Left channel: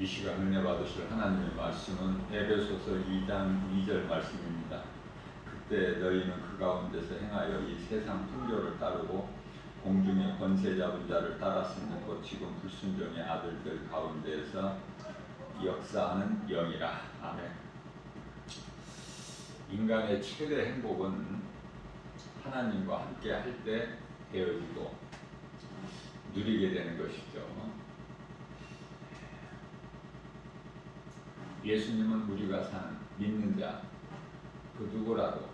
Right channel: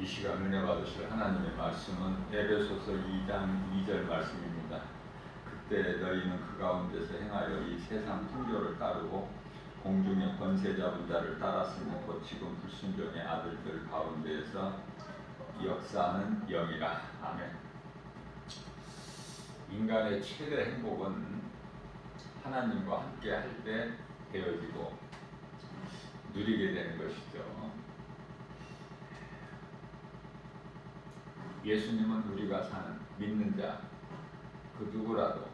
이 시간 은혜 받으실 하나님의 말씀은 에베소서 2장 2절 말씀입니다. 그때 너희는 그 가운데서 행하여 이 세상 풍조를 따르고 공중의 권세 잡은 자를 따랐으니 곧 지금 불순종의 아들들 가운데에서 역사하는 영이라. 아멘. 인간의 최대 행복은 하나님과 함께 할 때 되어지고 누리게 되는 것이죠. 예수님은 우리가 사는 믿는 자 그 누구라도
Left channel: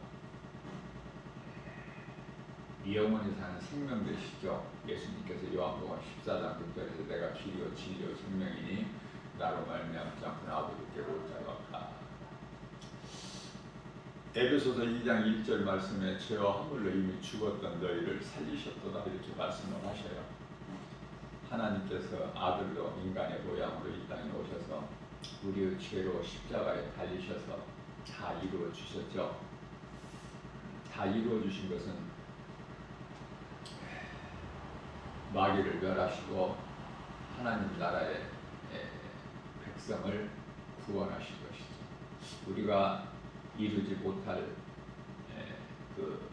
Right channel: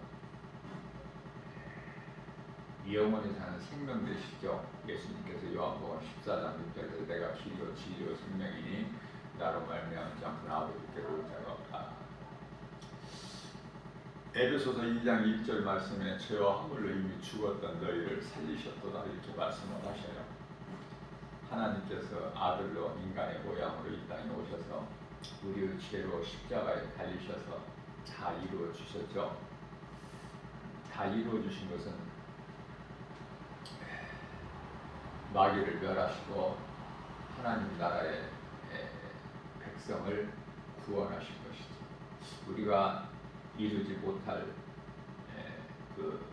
영원히 사는 생명 되시죠. 예수님께서 요한복음 14장 6절에서 내가 길이요 진리요 생명이니 나로 말미암지 않고는 아버지께로 올 자가 없다. 에베소서 2장 1절 말씀에 죄와 허물로 이미 죽었던 너희를 살리셨도다 이렇게 말씀을 하셔요. 하나님께서 아들로 인간의 모양으로 이 땅에 오셔서 우리의 죄로 십자가에 달리셔서 다 이루어 주셨죠. 다 이루어 주신 것은 마귀를 멸하시고 하나님 나라의 백성을 구원하신 것이죠. 우리가 이루지 못할 그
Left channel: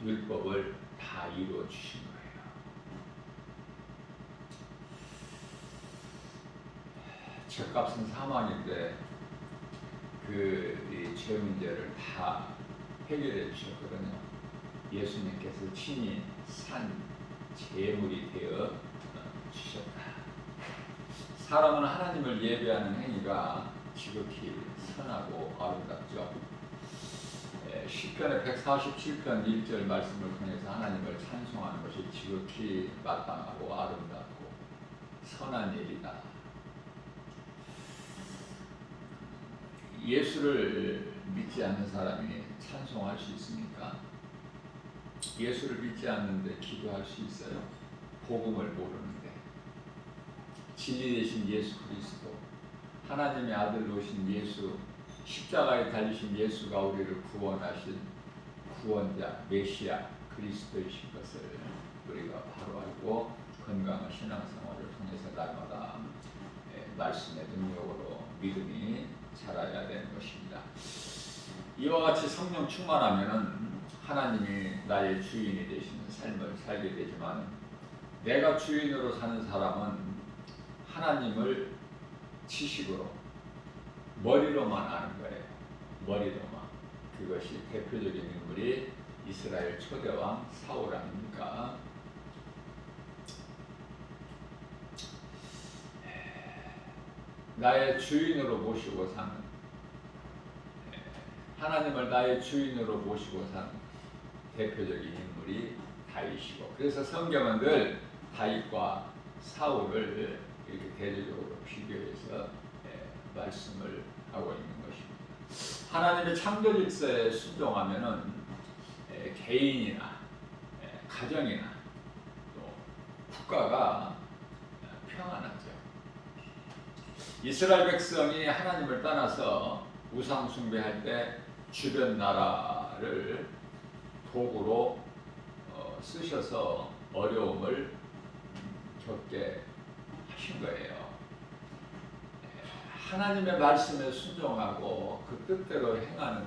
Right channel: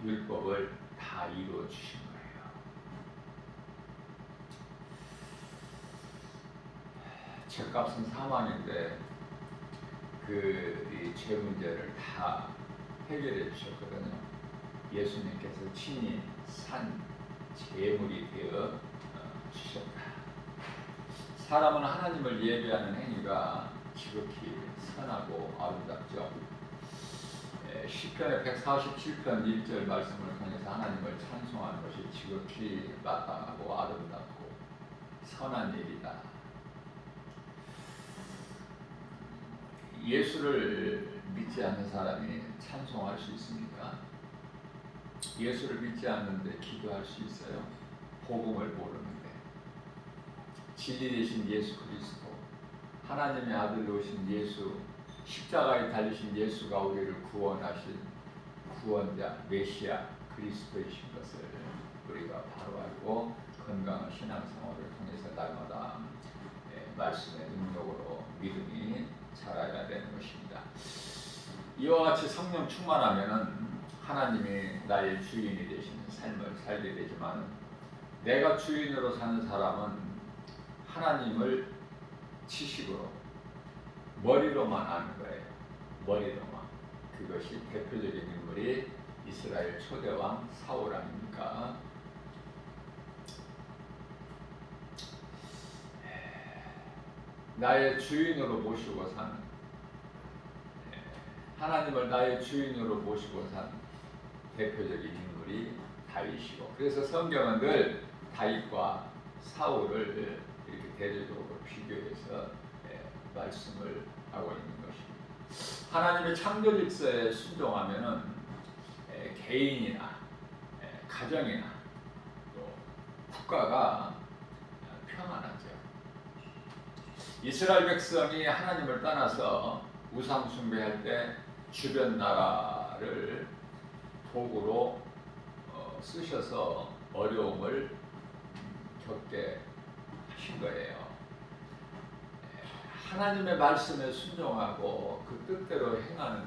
율법을 다 이루어 주신 거예요. 죄값은 사망인데 그 죄 문제를 다 해결해 주셨거든요. 예수님께서 친히 산 제물이 되어 주셨다. 사람은 하나님을 예배하는 행위가 지극히 선하고 아름답죠. 시편의 147편 1절 말씀을 통해서 하나님을 찬송하는 것이 지극히 마땅하고 아름답고 선한 일이다. 예수를 믿지 않는 사람이 찬송할 수 있습니까? 예수를 믿지 않는데 기도할 수 있어요? 복음을 모르는데. 진리 되신 예수 그리스도, 하나님의 아들로 오신 예수, 십자가에 달리신 예수가 우리를 구원하신 구원자, 메시아, 그리스도이신 것을 우리가 바로 알고 건강한 신앙생활을 통해서 날마다 말씀의 능력으로 믿음이 자라야 되는 것입니다. 이와 같이 성령 충만하면은 하나님이 나의 주인이 되시는 삶을 살게 되지만 내가 주인으로 사는 사람은 하나님을 지식으로 머리로만 아는 거예요. 머리로만. 그것이 대표적인 인물이 이스라엘 초대왕 사울 아닙니까? 나의 주인으로 모시고 사는, 하나님을 나의 주인으로 모시고 사는 대표적인 인물이 다윗이고, 그래서 성경은 늘 다윗과 사울을 이렇게 대조적으로 비교해서 말씀을 하고 있는 것입니다. 하나님의 창조 질서에 순종하면은 개인이나 가정이나 또 국가가 평안하죠. 이스라엘 백성이 하나님을 떠나서 우상 숭배할 때 주변 나라를 도구로 쓰셔서 어려움을 겪게 하신 거예요. 하나님의 말씀에 순종하고 그 뜻대로 행하는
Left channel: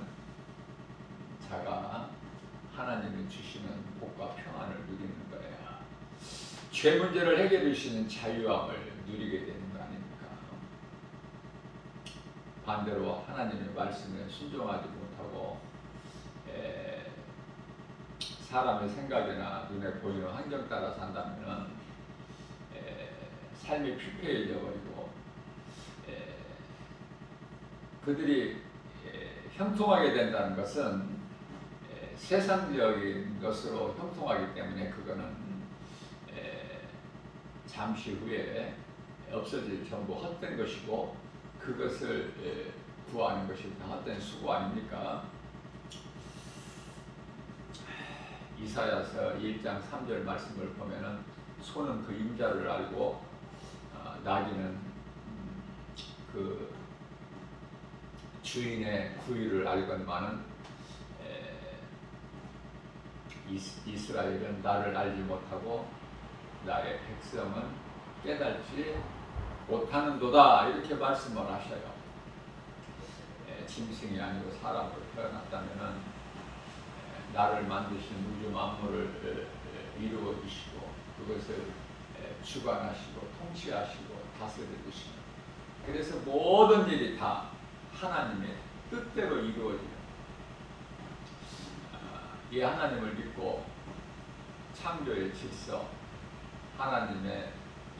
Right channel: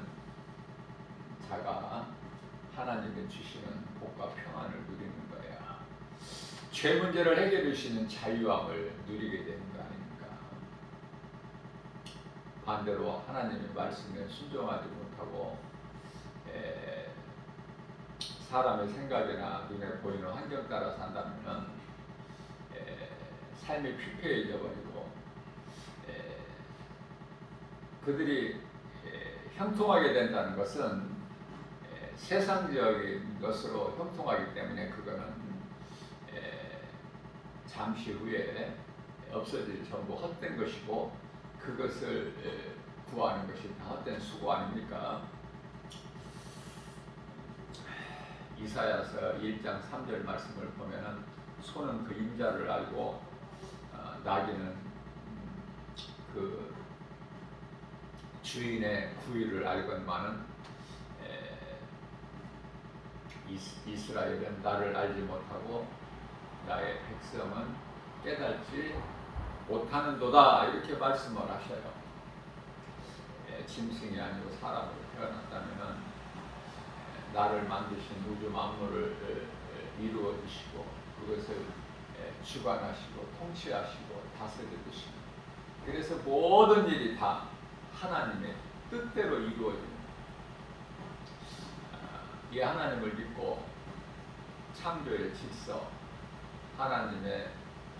자가 하나님이 주시는 복과 평안을 누리는 거예요. 죄 문제를 해결해 주시는 자유함을 누리게 되는 거 아닙니까? 반대로 하나님의 말씀에 순종하지 못하고 사람의 생각이나 눈에 보이는 환경 따라 산다면 삶이 피폐해져 버리고 그들이 형통하게 된다는 것은 세상적인 것으로 형통하기 때문에 그거는 잠시 후에 없어질 전부 헛된 것이고 그것을 구하는 것이 다 헛된 수고 아닙니까? 이사야서 1장 3절 말씀을 보면은 소는 그 임자를 알고 나귀는 그 주인의 구의를 알건만은 이스라엘은 나를 알지 못하고 나의 백성은 깨달지 못하는도다 이렇게 말씀을 하셔요. 짐승이 아니고 사람으로 태어났다면은 나를 만드신 우주 만물을 이루어 주시고 그것을 주관하시고 통치하시고 다스리시는, 그래서 모든 일이 다 하나님의 뜻대로 이루어지는 이 하나님을 믿고 창조의 질서, 하나님의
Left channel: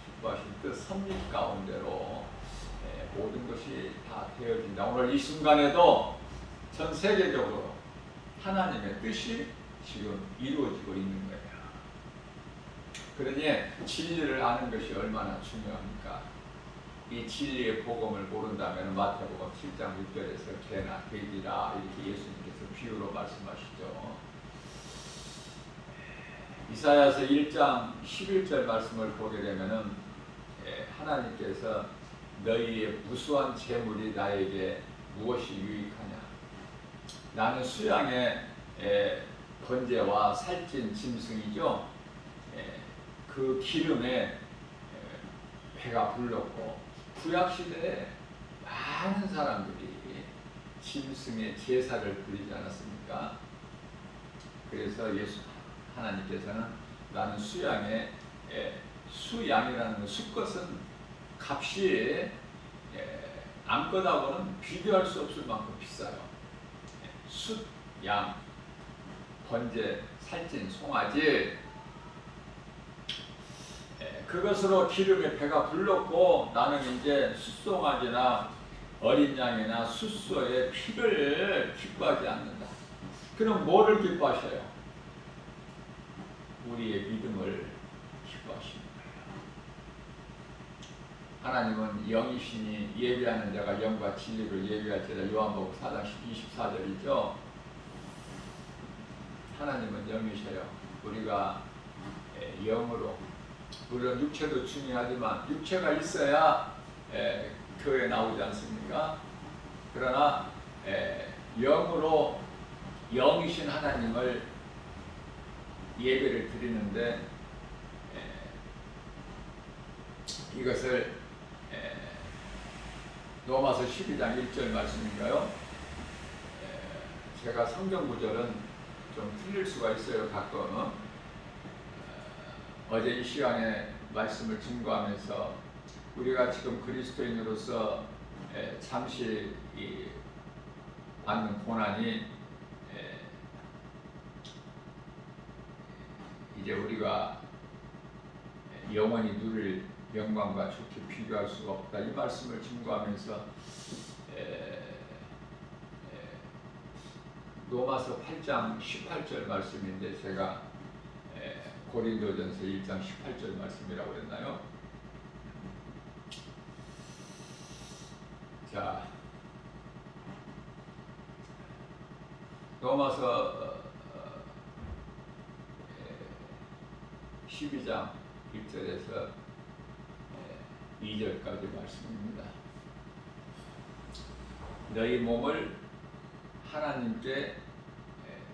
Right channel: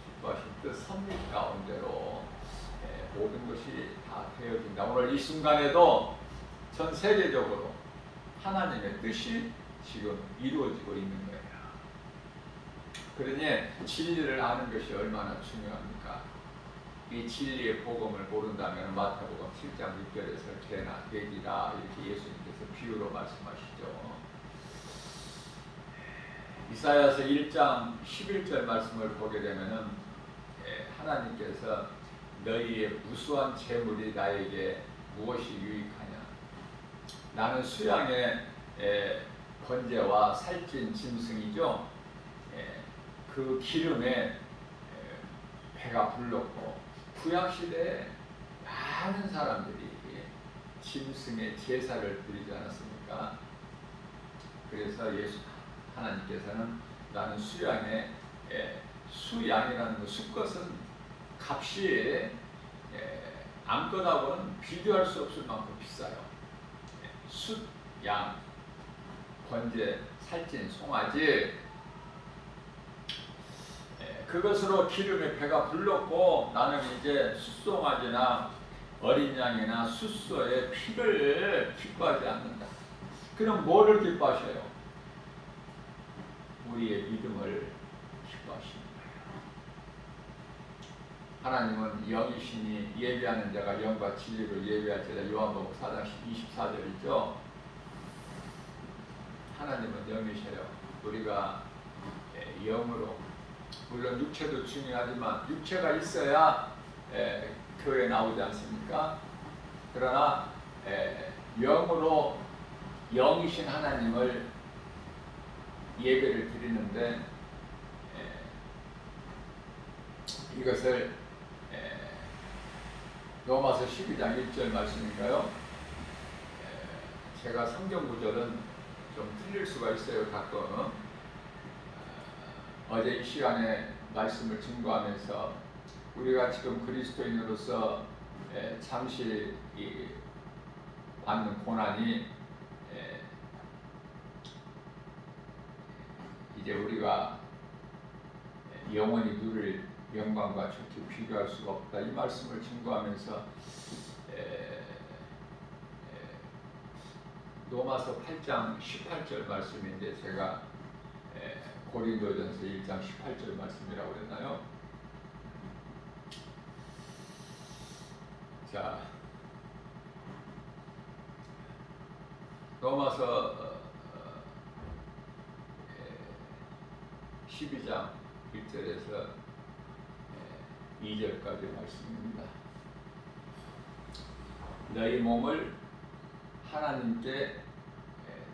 기뻐하신 뜻 섭리 가운데로 모든 것이 다 되어진다. 오늘 이 순간에도 전 세계적으로 하나님의 뜻이 지금 이루어지고 있는 거예요. 그러니 진리를 아는 것이 얼마나 중요합니까? 이 진리의 복음을 모른다면 마태복음 7장 6절에서 개나 돼지라 이렇게 예수님께서 비유로 말씀하시죠. 이사야서 1장 11절 말씀을 보게 되면은 하나님께서 너희의 무수한 재물이 나에게 무엇이 유익하냐? 나는 수양의 번제와 살찐 짐승이죠. 그 기름에 배가 불렀고 구약시대에 많은 사람들이 짐승의 제사를 드리지 않았습니까? 그래서 하나님께서는 나는 수양의 수양이라는 것, 수것은 값이 암컷하고는 비교할 수 없을 만큼 비싸요. 숫, 양, 번제, 살찐, 송아지, 그것으로 기름에 배가 불렀고 나는 이제 숫송아지나 어린 양이나 숫소의 피를 기뻐하지 않는다. 그럼 뭐를 기뻐하셔요? 우리의 믿음을 기뻐하시는 거예요. 하나님은 영이시니 예배하는 자가 영과 진리로 예배할지라. 요한복음 4장 24절이죠. 하나님은 영이셔요. 우리가 영으로, 물론 육체도 중요하지만 육체가 있어야 교회 나오지 않습니까? 그러나 영으로 영이신 하나님을 예배를 드리는데 이것을 로마서 12장 1절 말씀인가요? 제가 성경 구절은 좀 틀릴 수가 있어요, 가끔. 어제 이 시간에 말씀을 증거하면서 우리가 지금 그리스도인으로서 잠시 받는 고난이 이제 우리가 영원히 누릴 영광과 좋게 비교할 수가 없다. 이 말씀을 증거하면서 로마서 8장 18절 말씀인데 제가 고린도전서 1장 18절 말씀이라고 그랬나요? 자, 로마서 12장 1절에서 2절까지 말씀입니다. 너희 몸을 하나님께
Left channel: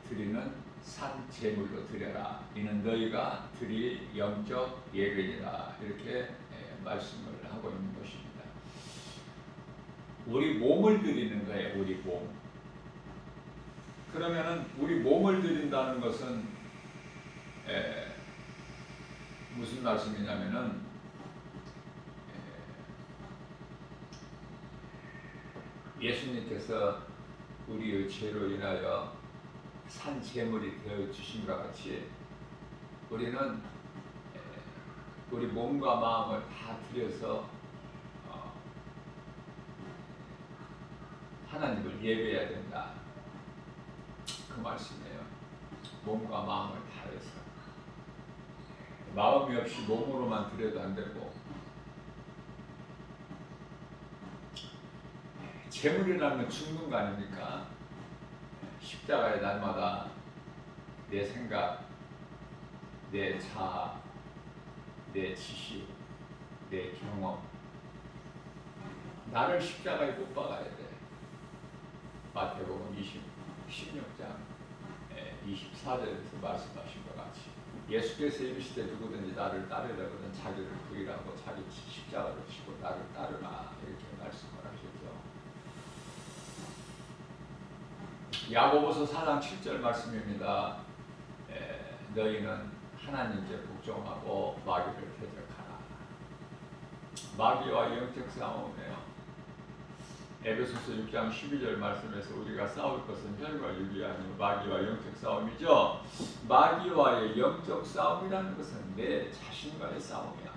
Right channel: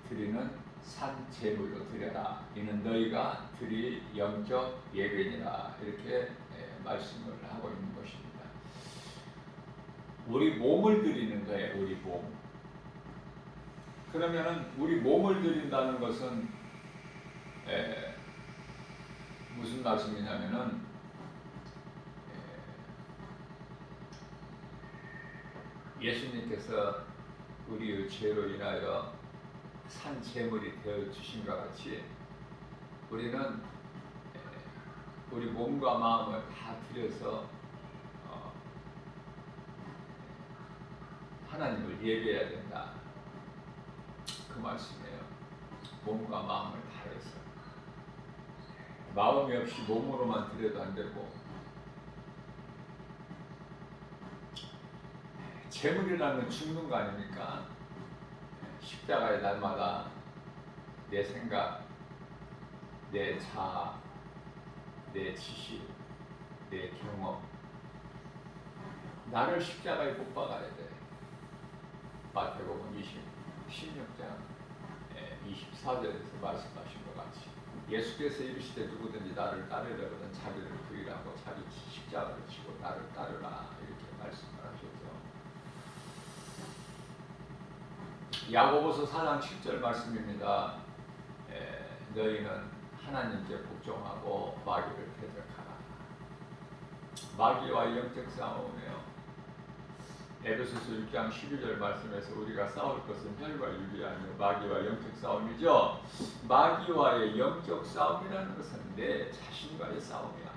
드리는 산 제물로 드려라. 이는 너희가 드릴 영적 예배니라. 이렇게 말씀을 하고 있는 것입니다. 우리 몸을 드리는 거예요. 우리 몸. 그러면은 우리 몸을 드린다는 것은 무슨 말씀이냐면은 예수님께서 우리의 죄로 인하여 산 제물이 되어 주신과 같이 우리는 우리 몸과 마음을 다 드려서 하나님을 예배해야 된다. 그 말씀이에요. 몸과 마음을 다해서. 마음이 없이 몸으로만 드려도 안 되고, 재물이라는 죽는 거 아닙니까? 십자가의 날마다 내 생각, 내 자아, 내 지식, 내 경험, 나를 십자가에 못 박아야 돼. 마태복음 16장 24절에서 말씀하신 것 같이 예수께서 이르시되 누구든지 나를 따르려거든 자기를 부인하고 자기 십자가를 지고 나를 따르라 이렇게 말씀을 하셨죠. 야고보서 4장 7절 말씀입니다. 너희는 하나님께 복종하고 마귀를 대적하라. 마귀와 영적 싸움이에요. 에베소서 6장 12절 말씀에서 우리가 싸울 것은 혈과 육이 아니고 마귀와 영적 싸움이죠. 마귀와의 영적 싸움이라는 것은 내 자신과의 싸움이야.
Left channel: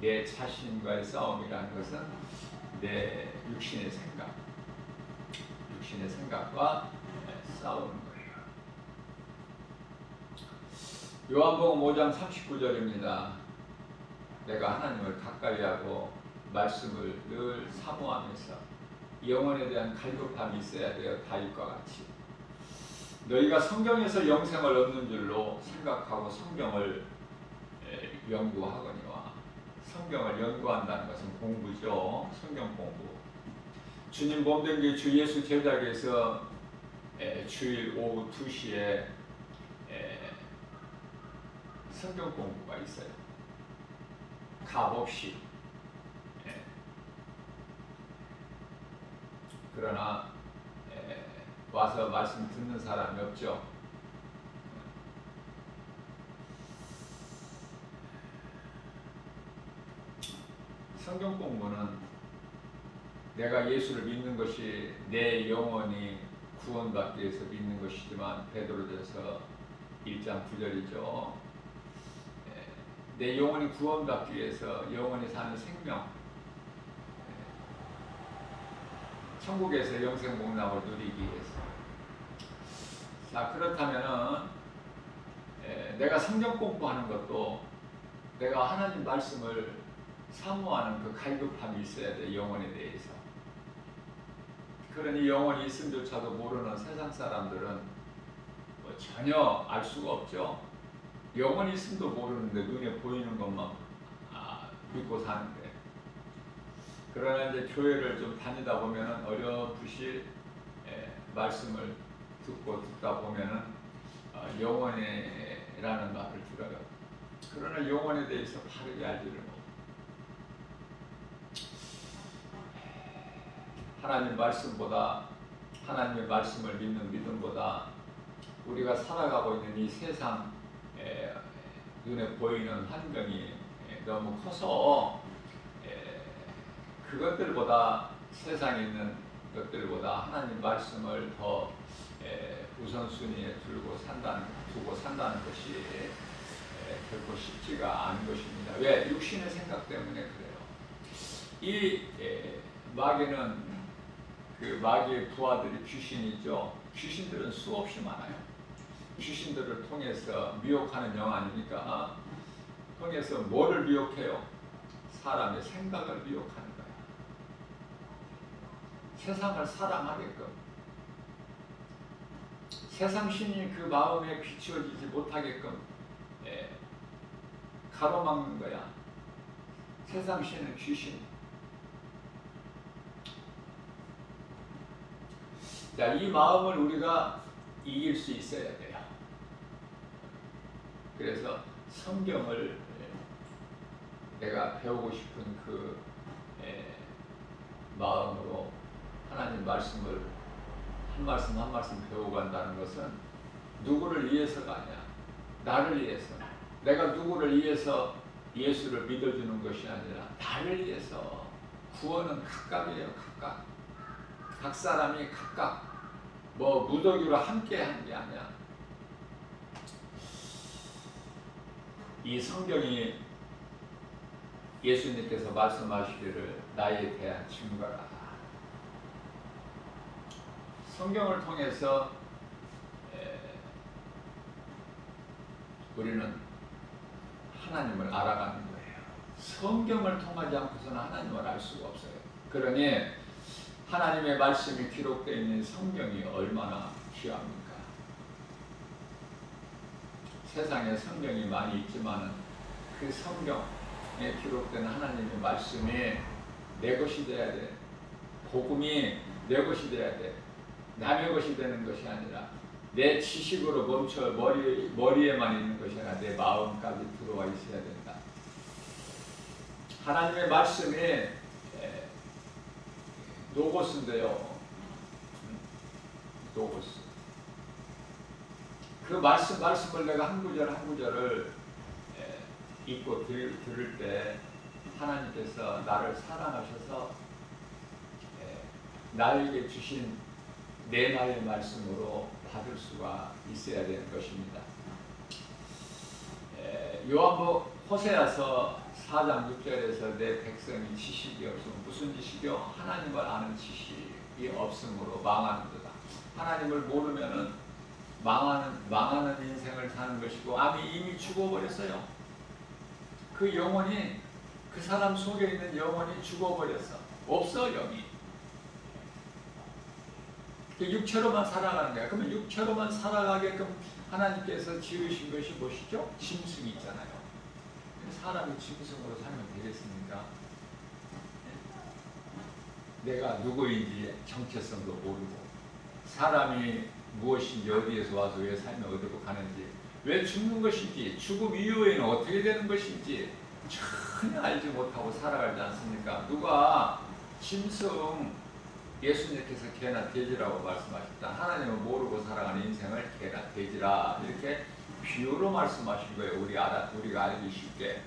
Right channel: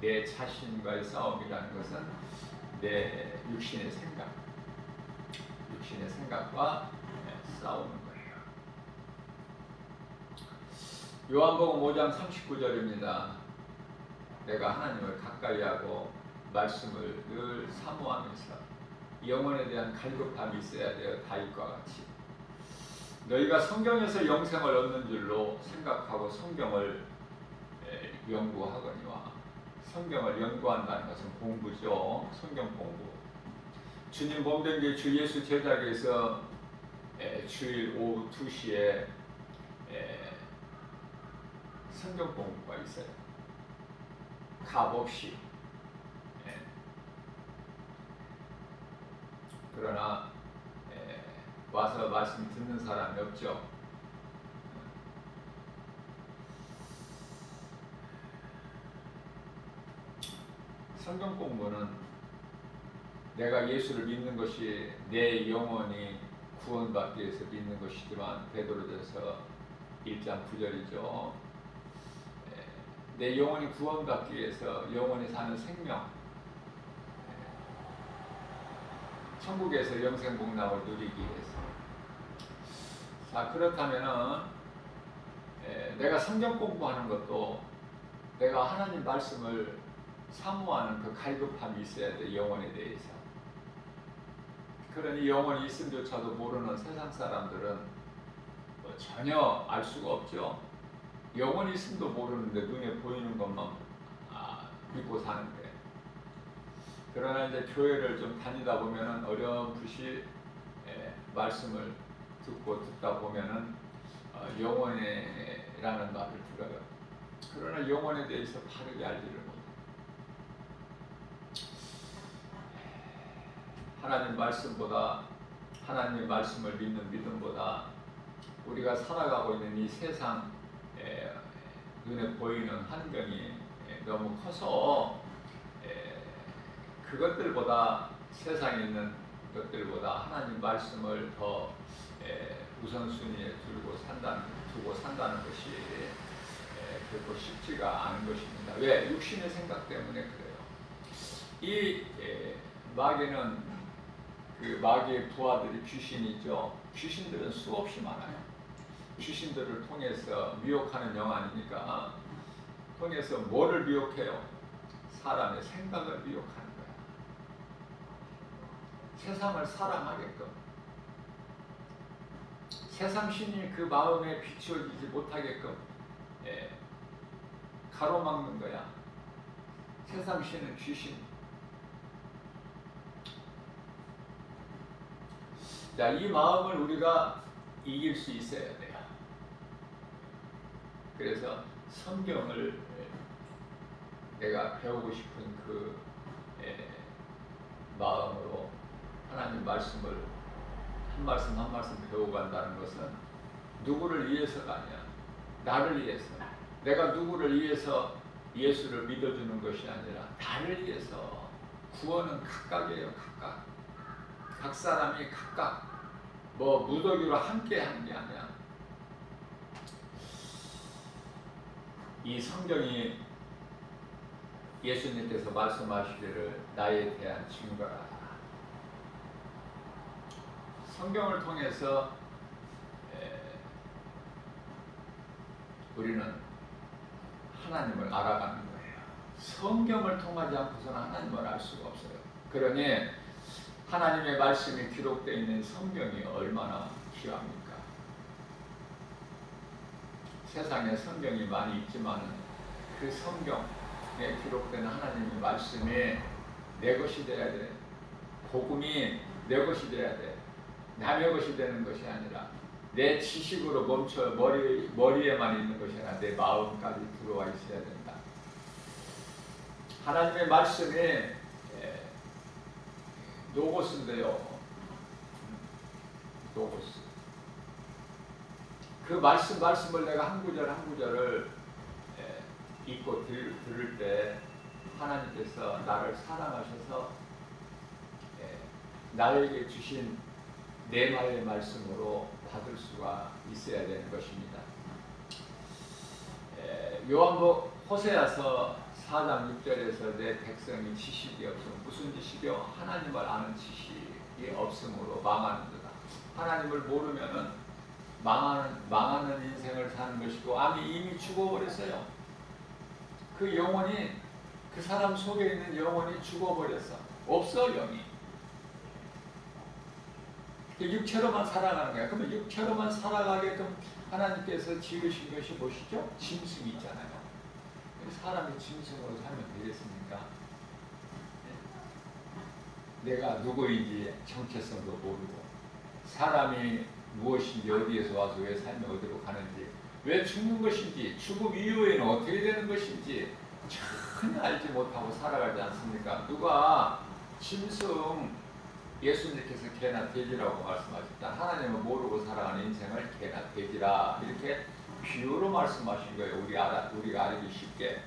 내 자신과의 싸움이라는 것은 내 육신의 생각과 싸우는 거예요. 요한복음 5장 39절입니다. 내가 하나님을 가까이 하고 말씀을 늘 사모하면서 영혼에 대한 갈급함이 있어야 돼요. 다윗과 같이 너희가 성경에서 영생을 얻는 줄로 생각하고 성경을 연구하거니와 성경을 연구한다는 것은 공부죠. 성경 공부. 주님 몸된 게 주 예수 제자에서 주일 오후 2시에 성경 공부가 있어요. 값 없이. 그러나 와서 말씀 듣는 사람이 없죠. 성경 공부는 내가 예수를 믿는 것이 내 영혼이 구원받기 위해서 믿는 것이지만 베드로전서 1장 9절이죠. 내 영혼이 구원받기 위해서 영혼이 사는 생명, 천국에서 영생 복락을 누리기 위해서. 자, 그렇다면은 내가 성경 공부하는 것도 내가 하나님 말씀을 사모하는 그 갈급함이 있어야 돼. 영혼에 대해서. 그러니 영혼이 있음조차도 모르는 세상 사람들은 뭐 전혀 알 수가 없죠. 영혼이 있음도 모르는데 눈에 보이는 것만 믿고 사는데. 그러나 이제 교회를 좀 다니다 보면은 어렴풋이 말씀을 듣다 보면은 영혼이라는 말을 들어요. 그러나 영혼에 대해서 바르게 알지를 못해요. 하나님 말씀보다, 하나님의 말씀을 믿는 믿음보다 우리가 살아가고 있는 이 세상 눈에 보이는 환경이 너무 커서 그것들보다, 세상에 있는 것들보다 하나님 말씀을 더 우선순위에 두고 산다는 것이 결코 쉽지가 않은 것입니다. 왜? 육신의 생각 때문에 그래요. 이 마귀는, 그 마귀의 부하들이 귀신이죠. 귀신들은 수없이 많아요. 귀신들을 통해서 미혹하는 영 아닙니까? 통해서 뭐를 미혹해요? 사람의 생각을 미혹하는 거야. 세상을 사랑하게끔, 세상 신이 그 마음에 비추어지지 못하게끔 가로막는 거야. 세상 신은 귀신. 자, 이 마음을 우리가 이길 수 있어야 돼요. 그래서 성경을 내가 배우고 싶은 그 마음으로 하나님 말씀을 한 말씀 한 말씀 배워간다는 것은 누구를 위해서가 아니야. 나를 위해서. 내가 누구를 위해서 예수를 믿어주는 것이 아니라 나를 위해서. 구원은 각각이에요. 각각. 각 사람이 각각 뭐 무더기로 함께 하는 게 아니야. 이 성경이 예수님께서 말씀하시기를 나에 대한 증거라. 성경을 통해서 우리는 하나님을 알아가는 거예요. 성경을 통하지 않고서는 하나님을 알 수가 없어요. 그러니 하나님의 말씀이 기록되어 있는 성경이 얼마나 귀합니까? 세상에 성경이 많이 있지만은 그 성경에 기록된 하나님의 말씀이 내 것이 돼야 돼. 복음이 내 것이 돼야 돼. 남의 것이 되는 것이 아니라 내 지식으로 멈춰 머리에만 있는 것이 아니라 내 마음까지 들어와 있어야 된다. 하나님의 말씀이 노고스인데요. 노고스. 그 말씀을 내가 한 구절 한 구절을 읽고 들을 때 하나님께서 나를 사랑하셔서 나에게 주신 내 말의 말씀으로 받을 수가 있어야 되는 것입니다. 요한복 호세아서 4장 6절에서 내 백성이 지식이 없으면 무슨 지식이요? 하나님을 아는 지식이 없으므로 망하는도다. 하나님을 모르면은 망하는 인생을 사는 것이고 이미 죽어버렸어요. 그 영혼이 그 사람 속에 있는 영혼이 죽어버렸어. 없어 영이. 육체로만 살아가는 거야. 그러면 육체로만 살아가게끔 하나님께서 지으신 것이 무엇이죠? 짐승이 있잖아요. 사람이 짐승으로 살면 되겠습니까? 내가 누구인지 정체성도 모르고 사람이 무엇인지 어디에서 와서 왜 삶이 어디로 가는지 왜 죽는 것인지 죽음 이후에는 어떻게 되는 것인지 전혀 알지 못하고 살아가지 않습니까? 누가 짐승 예수님께서 개나 돼지라고 말씀하셨다. 하나님은 모르고 살아가는 인생을 개나 돼지라 이렇게 비유로 말씀하신 거예요. 우리가 알기 쉽게.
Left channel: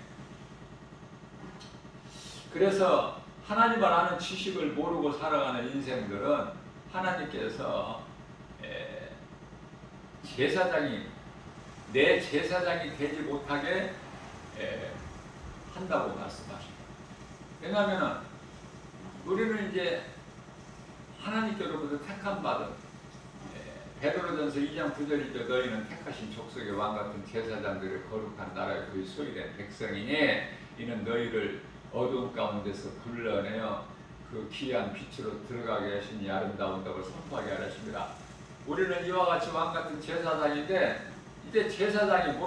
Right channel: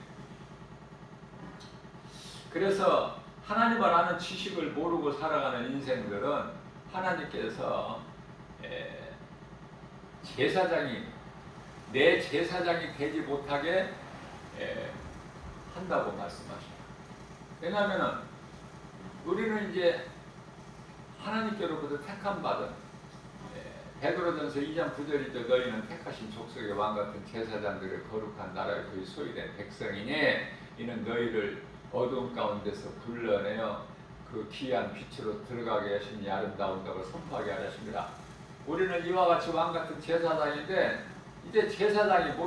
그래서 하나님을 아는 지식을 모르고 살아가는 인생들은 하나님께서 내 제사장이 되지 못하게 한다고 말씀하십니다. 왜냐하면 우리는 이제 하나님께로부터 택함 받은 베드로전서 2장 9절이죠. 너희는 택하신 족속의 왕같은 제사장들의 거룩한 나라의 그 소유된 백성이니 이는 너희를 어두운 가운데서 불러내어 그 귀한 빛으로 들어가게 하시니 아름다운다고 선포하게 하십니다. 우리는 이와 같이 왕같은 제사장인데 이제 제사장이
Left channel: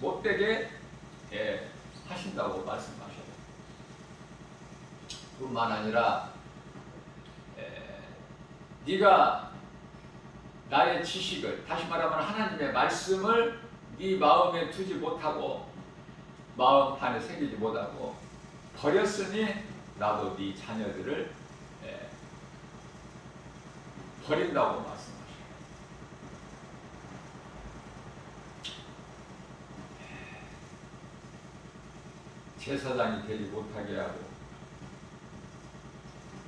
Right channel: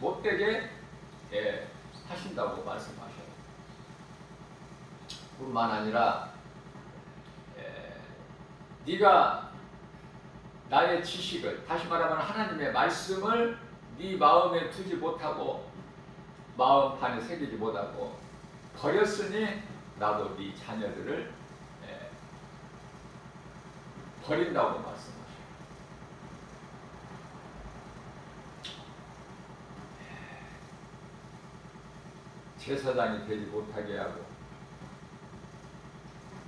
못되게 하신다고 말씀하셔요. 뿐만 아니라 네가 나의 지식을, 다시 말하면 하나님의 말씀을 네 마음에 두지 못하고 마음판에 새기지 못하고 버렸으니 나도 네 자녀들을 버린다고 말씀하셔요. 제사장이 되지 못하게 하고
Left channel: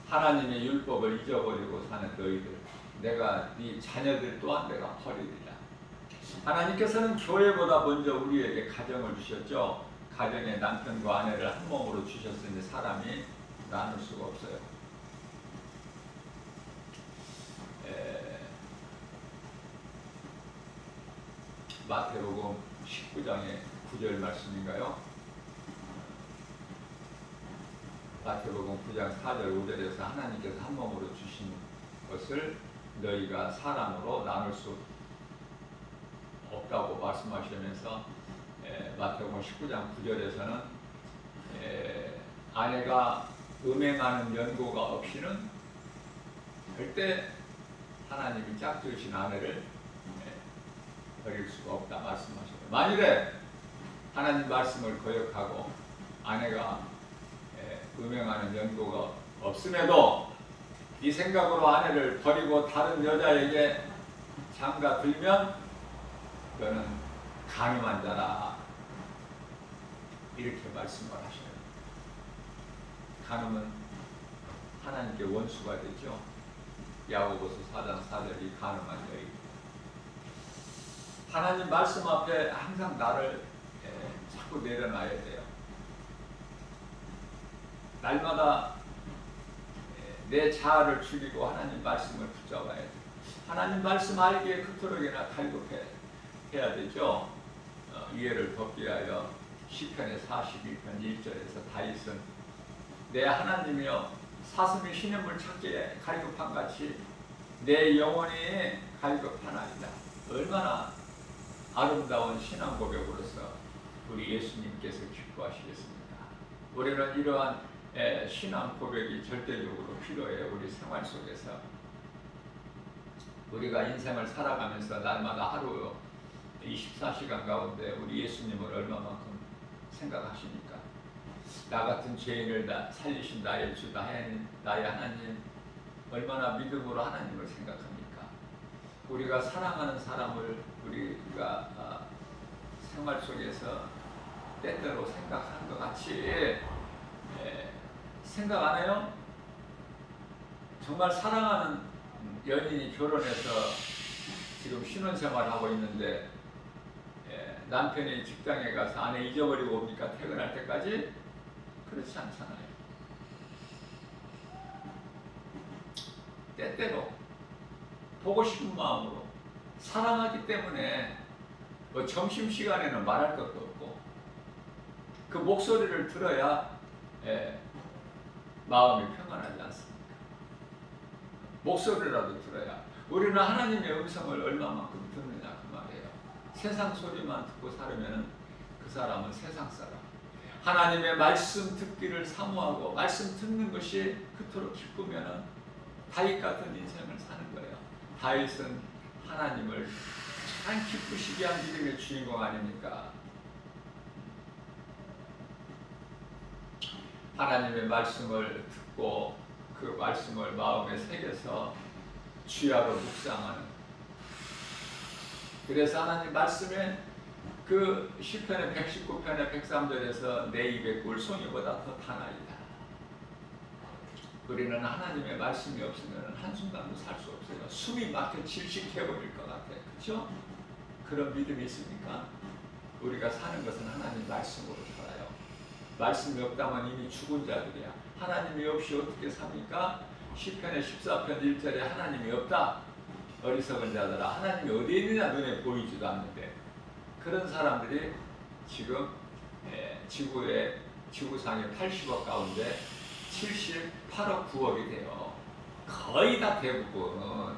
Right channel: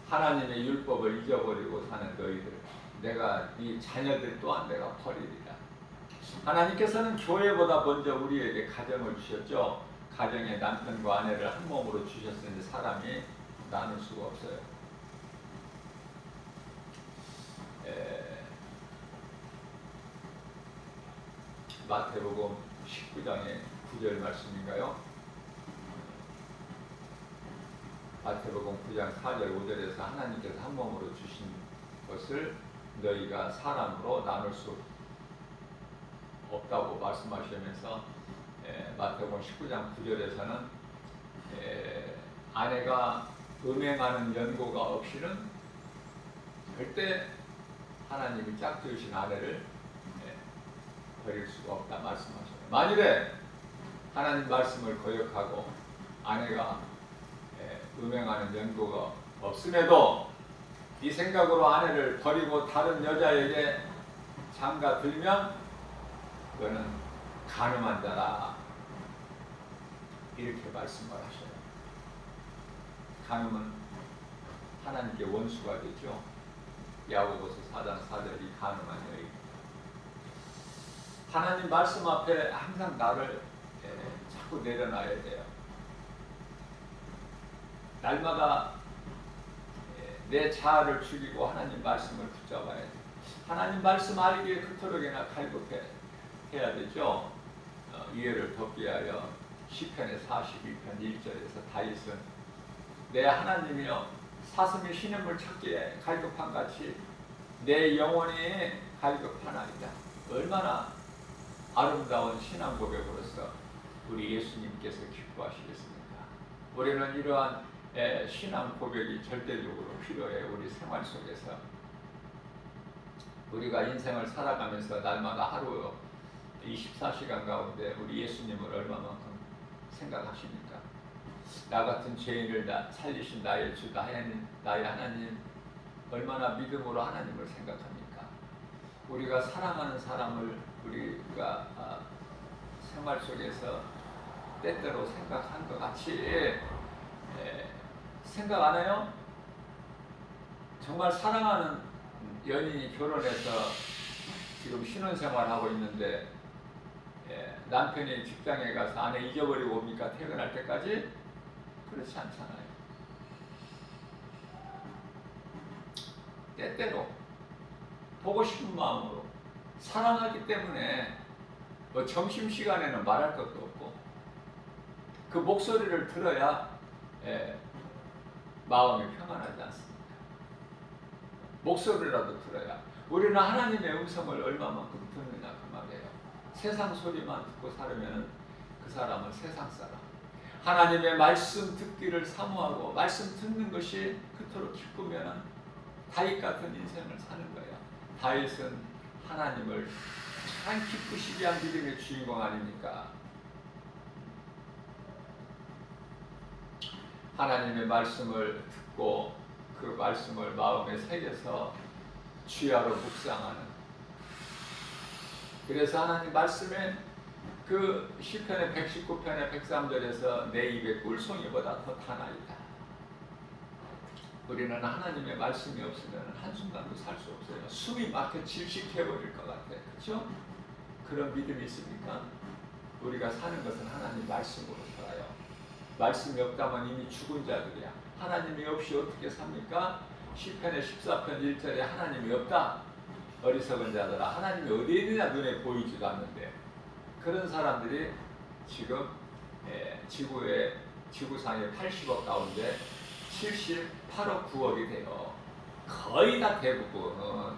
하나님의 율법을 잊어버리고 사는 너희들, 내가 네 자녀들 또한 내가 버리리라. 하나님께서는 교회보다 먼저 우리에게 가정을 주셨죠. 가정에 남편과 아내를 한 몸으로 주셨으니 사람이 나눌 수가 없어요. 마태복음 19장의 9절 말씀인가요? 마태복음 9장 4절 5절에서 하나님께서 한 몸으로 주신 것을 너희가 사람으로 나눌 수 없다고 말씀하시면서 마태복음 19장 9절에서는 아내가 음행하는 연고가 없이는 절대 하나님이 짝지으신 아내를 버릴 수가 없다 말씀하셨어요. 만일에 하나님 말씀을 거역하고 아내가 음행하는 연고가 없음에도 네 생각으로 아내를 버리고 다른 여자에게 장가 들면 너는 간음한 자라 이렇게 말씀을 하셔요. 간음은 하나님께 원수가 되죠. 야고보서 4장 4절이 간음한 여인입니다. 하나님 말씀 앞에 항상 나를 자꾸 내려놔야 돼요. 날마다 내 자아를 죽이고 하나님 말씀을 붙잡아야 돼요. 하나님 말씀 알기에 그토록이나 갈급해야 되죠. 이해를 돕기 위하여 시편의 42편 1절에서 다윗은 내 하나님이여 사슴이 시냇물 찾기에 갈급한 같이 내 영혼이 갈급하나이다. 얼마나 아름다운 신앙 고백으로서 우리 예수님께서 기뻐하시겠습니까? 우리는 이러한 신앙 고백이 절대적으로 필요해요. 우리 생활 속에서 우리가 인생을 살아가면서 날마다 하루 24시간 가운데 우리 예수님을 얼마만큼 생각하십니까? 나 같은 죄인을 살리신 나의 주, 나의 하나님, 얼마나 믿음으로 하나님을 생각합니까? 우리가 사랑하는 사람을 우리가 생활 속에서 때때로 생각한 것 같이 생각 안 해요? 정말 사랑하는 연인이 결혼해서 지금 신혼생활하고 있는데 남편이 직장에 가서 아내 잊어버리고 옵니까? 퇴근할 때까지? 그렇지 않잖아요. 때때로 보고 싶은 마음으로 사랑하기 때문에 뭐 점심시간에는 말할 것도 없고 그 목소리를 들어야 마음이 평안하지 않습니까? 목소리라도 들어야. 우리는 하나님의 음성을 얼마만큼 듣느냐 그 말이에요. 세상 소리만 듣고 살으면 그 사람은 세상 사람. 하나님의 말씀 듣기를 사모하고 말씀 듣는 것이 그토록 기쁘면 다윗 같은 인생을 사는 거예요. 다윗은 하나님을 가장 기쁘시게 한 믿음의 주인공 아닙니까? 하나님의 말씀을 듣고 그 말씀을 마음에 새겨서 주야로 묵상하는. 그래서 하나님 말씀에 그 시편의 119편의 103절에서 내 입에 꿀송이보다 더 타나이다. 우리는 하나님의 말씀이 없으면 한순간도 살 수 없어요. 숨이 막혀 질식해버릴 것 같아. 그렇죠? 그런 믿음이 있습니까? 우리가 사는 것은 하나님 말씀으로 살아요. 말씀이 없다면 이미 죽은 자들이야. 하나님이 없이 어떻게 삽니까? 시편의 14편 1절에 하나님이 없다. 어리석은 자들아, 하나님이 어디에 있느냐 눈에 보이지도 않는데. 그런 사람들이 지금 지구상의 80억 가운데 78억 9억이 돼요. 거의 다 대부분은.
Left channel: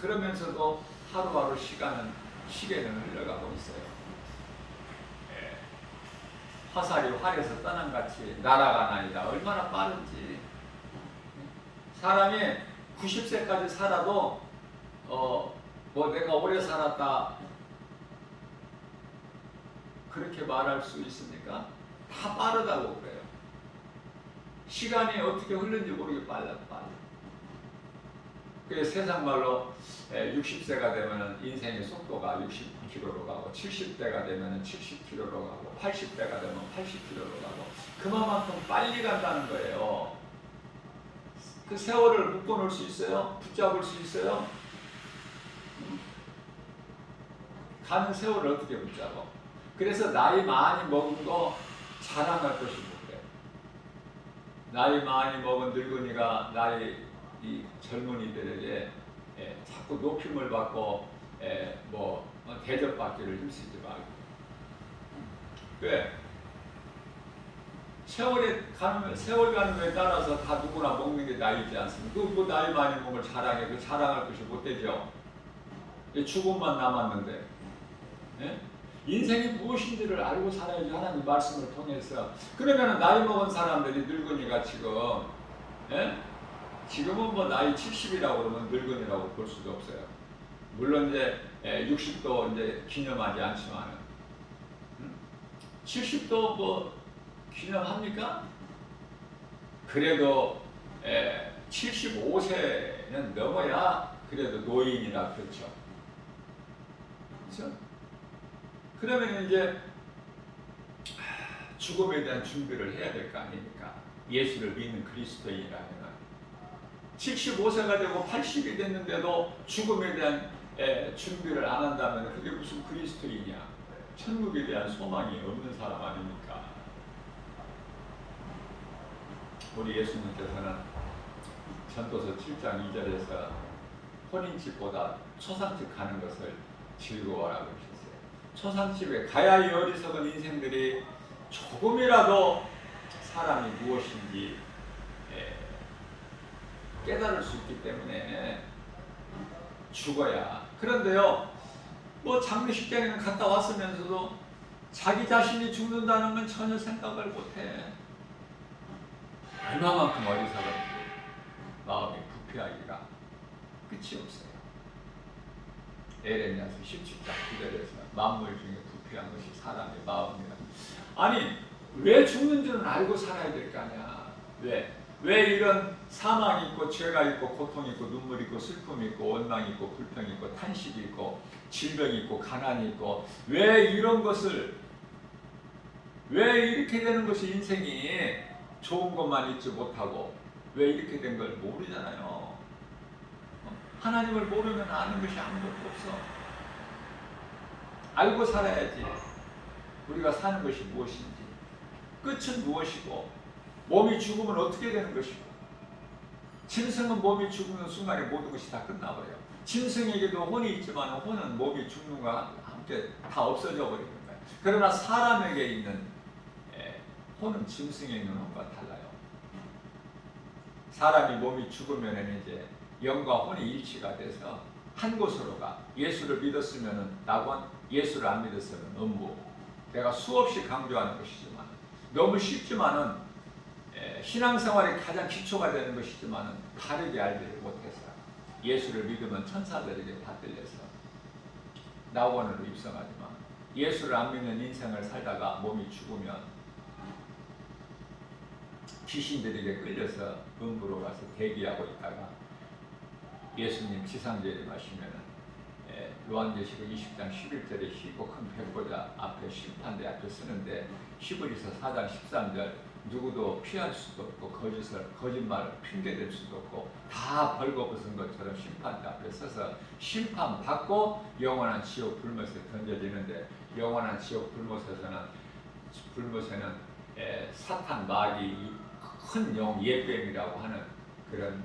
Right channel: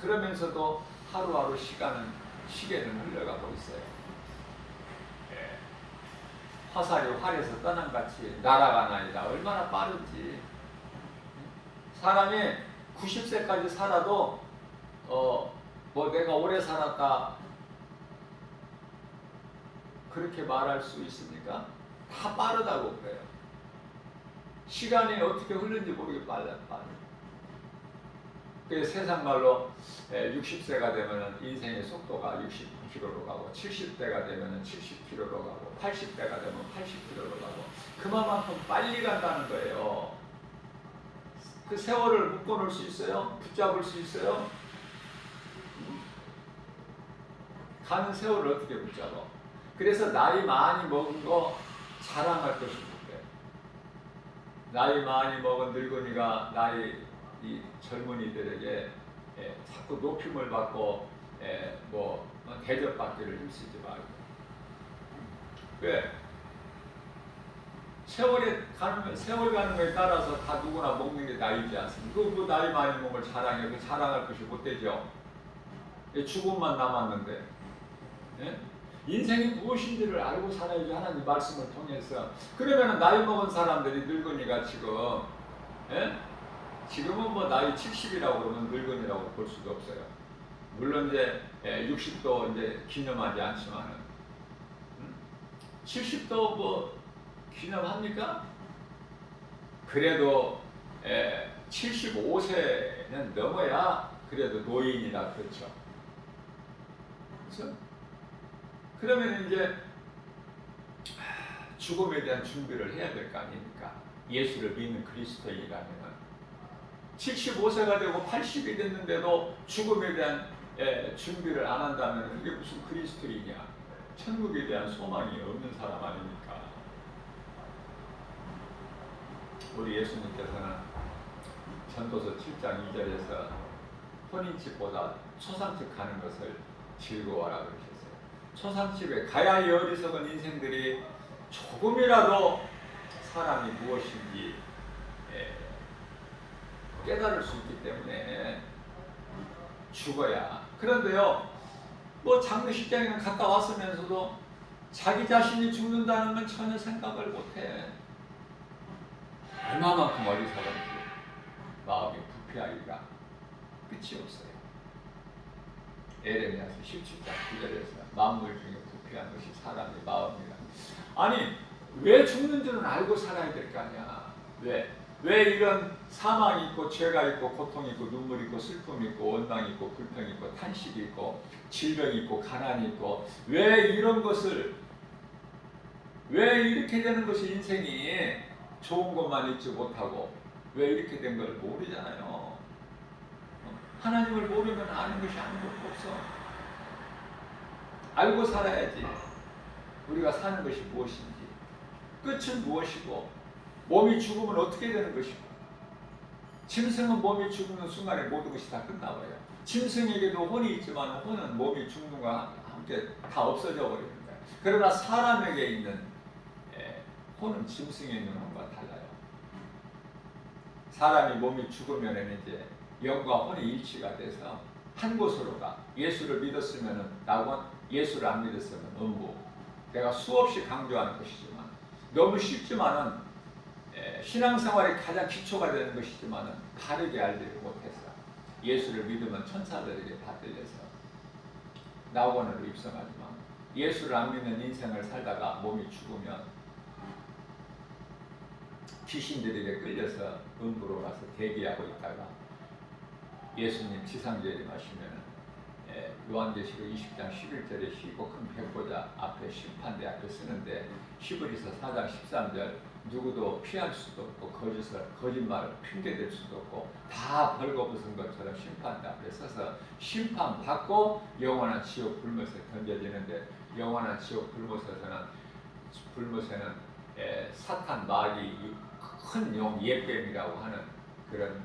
그러면서도 하루하루 시계는 흘러가고 있어요. 화살이 활에서 떠난같이 날아가나이다. 얼마나 빠른지. 사람이 90세까지 살아도 뭐 내가 오래 살았다 그렇게 말할 수 있습니까? 다 빠르다고 그래요. 시간이 어떻게 흐르는지 모르게 빨라. 그 세상 말로 60세가 되면 인생의 속도가 60km로 가고 70대가 되면 70km로 가고 80대가 되면 80km로 가고 그만큼 빨리 간다는 거예요. 그 세월을 묶어놓을 수 있어요? 붙잡을 수 있어요? 가는 세월을 어떻게 붙잡아? 그래서 나이 많이 먹은 거 자랑할 것이 못해. 나이 많이 먹은 늙은이가 이 젊은이들에게 자꾸 높임을 받고 대접받기를 힘쓰지 말고. 왜? 세월 가는 거에 따라서 다 누구나 먹는 게 나이지 않습니까? 그 나이 많이 먹을 자랑해. 그 자랑할 것이 못 되죠. 죽음만 남았는데. 예? 인생이 무엇인지를 알고 살아야지. 하나님 말씀을 통해서. 그러면 나이 먹은 사람들이 늙은이가 지금은 뭐 나이 70이라고 그러면 늙은이라고 볼 수도 없어요. 물론 이제 60도 이제 기념하지 않지만은 70도 뭐 기념합니까? 그래도 75세는 넘어야 그래도 노인이라 그렇죠. 그렇죠? 그러면 이제 죽음에 대한 준비를 해야 될 거 아닙니까? 예수를 믿는 그리스도인이라면 75세가 되고 80이 됐는데도 죽음에 대한 준비를 안 한다면 그게 무슨 그리스도인이야? 천국에 대한 소망이 없는 사람 아닙니까? 우리 예수님께서는 전도서 7장 2절에서 혼인집보다 초상집 가는 것을 즐거워하라고 하셨어요. 초상집에 가야 이 어리석은 인생들이 조금이라도 사람이 무엇인지 깨달을 수 있기 때문에 죽어야. 그런데요, 뭐 장례식장에는 갔다 왔으면서도 자기 자신이 죽는다는 건 전혀 생각을 못해. 얼마만큼 어리석은지, 마음이 부패하기가. 끝이 없어요. 에레미야서 17장 9절에서 만물 중에 부패한 것이 사람의 마음이라. 아니 왜 죽는 줄은 알고 살아야 될 거 아니야. 왜 이런 사망이 있고 죄가 있고 고통이 있고 눈물이 있고 슬픔이 있고 원망이 있고 불평이 있고 탄식이 있고 질병이 있고 가난이 있고 왜 이런 것을 왜 이렇게 되는 것이 인생이 좋은 것만 있지 못하고 왜 이렇게 된 걸 모르잖아요. 하나님을 모르면 아는 것이 아무것도 없어. 알고 살아야지. 우리가 사는 것이 무엇인지, 끝은 무엇이고, 몸이 죽으면 어떻게 되는 것이고, 짐승은 몸이 죽는 순간에 모든 것이 다 끝나버려요. 짐승에게도 혼이 있지만 혼은 몸이 죽는 것과 함께 다 없어져 버리는 거예요. 그러나 사람에게 있는 혼은 짐승에 있는 혼과 달라요. 사람이 몸이 죽으면 이제 영과 혼이 일치가 돼서 한 곳으로 가. 예수를 믿었으면 낙원, 예수를 안 믿었으면 음부. 내가 수없이 강조하는 것이지만 너무 쉽지만은 신앙생활이 가장 기초가 되는 것이지만은 바르게 알지를 못해서 예수를 믿으면 천사들에게 다 들려서 낙원으로 입성하지만 예수를 안 믿는 인생을 살다가 몸이 죽으면 귀신들에게 끌려서 음부로 가서 대기하고 있다가 예수님 지상재림하시면은 요한계시록 20장 11절에 쉽고 큰 백보자 앞에 심판대 앞에 쓰는데 히브리서 4장 13절 누구도 피할 수도 없고 거짓말 핑계댈 수도 없고 다 벌거벗은 것처럼 심판대 앞에 서서 심판받고 영원한 지옥 불못에 던져지는데 영원한 지옥 불못에는 사탄 마귀 큰 영 예뱀이라고 하는 그런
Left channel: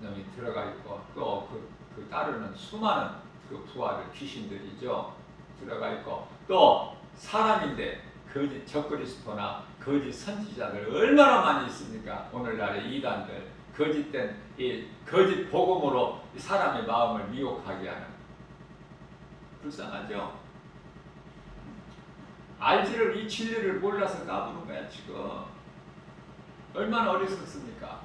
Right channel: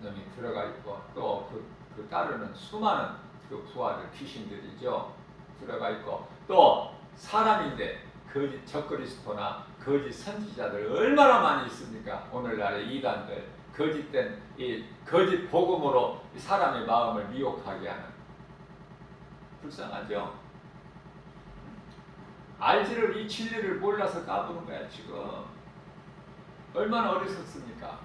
놈이 들어가 있고 또 그 따르는 수많은 그 부하들 귀신들이죠 들어가 있고 또 사람인데 거짓 적그리스도나 거짓 선지자들 얼마나 많이 있습니까? 오늘날의 이단들 거짓된 이 거짓 복음으로 사람의 마음을 미혹하게 하는 불쌍하죠. 알지를 이 진리를 몰라서 까부는 거야 지금. 얼마나 어리석습니까?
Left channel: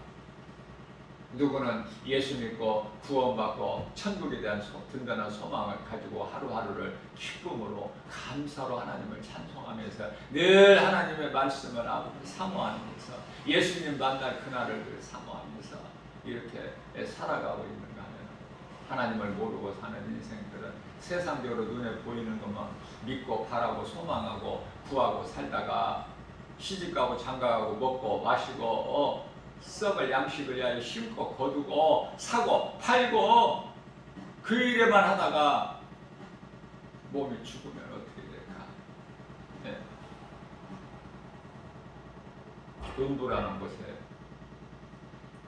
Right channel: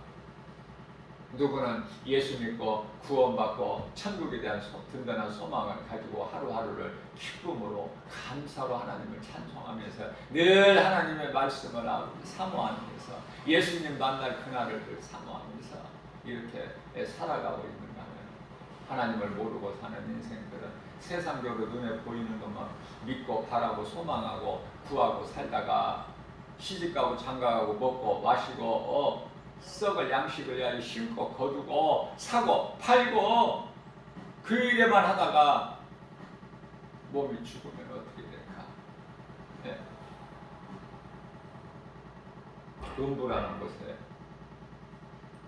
누구는 예수 믿고 구원받고 천국에 대한 든든한 소망을 가지고 하루하루를 기쁨으로 감사로 하나님을 찬송하면서 늘 하나님의 말씀을 사모하면서 예수님 만날 그날을 늘 사모하면서 이렇게 살아가고 있는가 하면 하나님을 모르고 사는 인생들은 세상적으로 눈에 보이는 것만 믿고 바라고 소망하고 구하고 살다가 시집가고 장가가고 먹고 마시고 썩을 양식을 위하여 심고 거두고 사고 팔고 그 일에만 하다가 몸이 죽으면 어떻게 될까? 네. 음부라는 곳에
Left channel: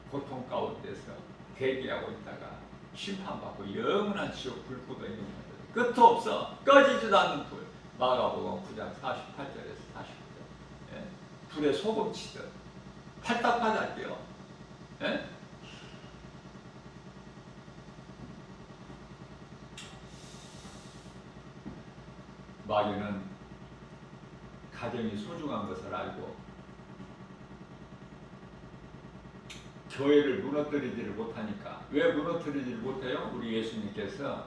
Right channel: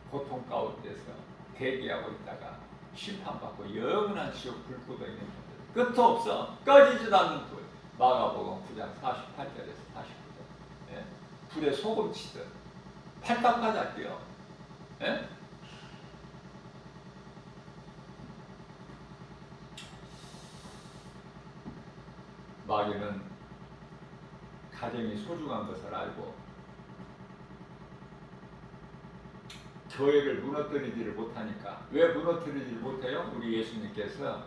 고통 가운데서 대기하고 있다가 심판받고 영원한 지옥 불구덩이에 던져져 끝도 없어. 꺼지지도 않는 불. 마가복음 9장 48절에서 49절. 네. 불에 소금 치듯 팔딱팔딱해요. 예? 마귀는 가정이 소중한 것을 알고 교회를 무너뜨리지를 못하니까 왜 무너뜨리지를 못해요? 우리 예수님께서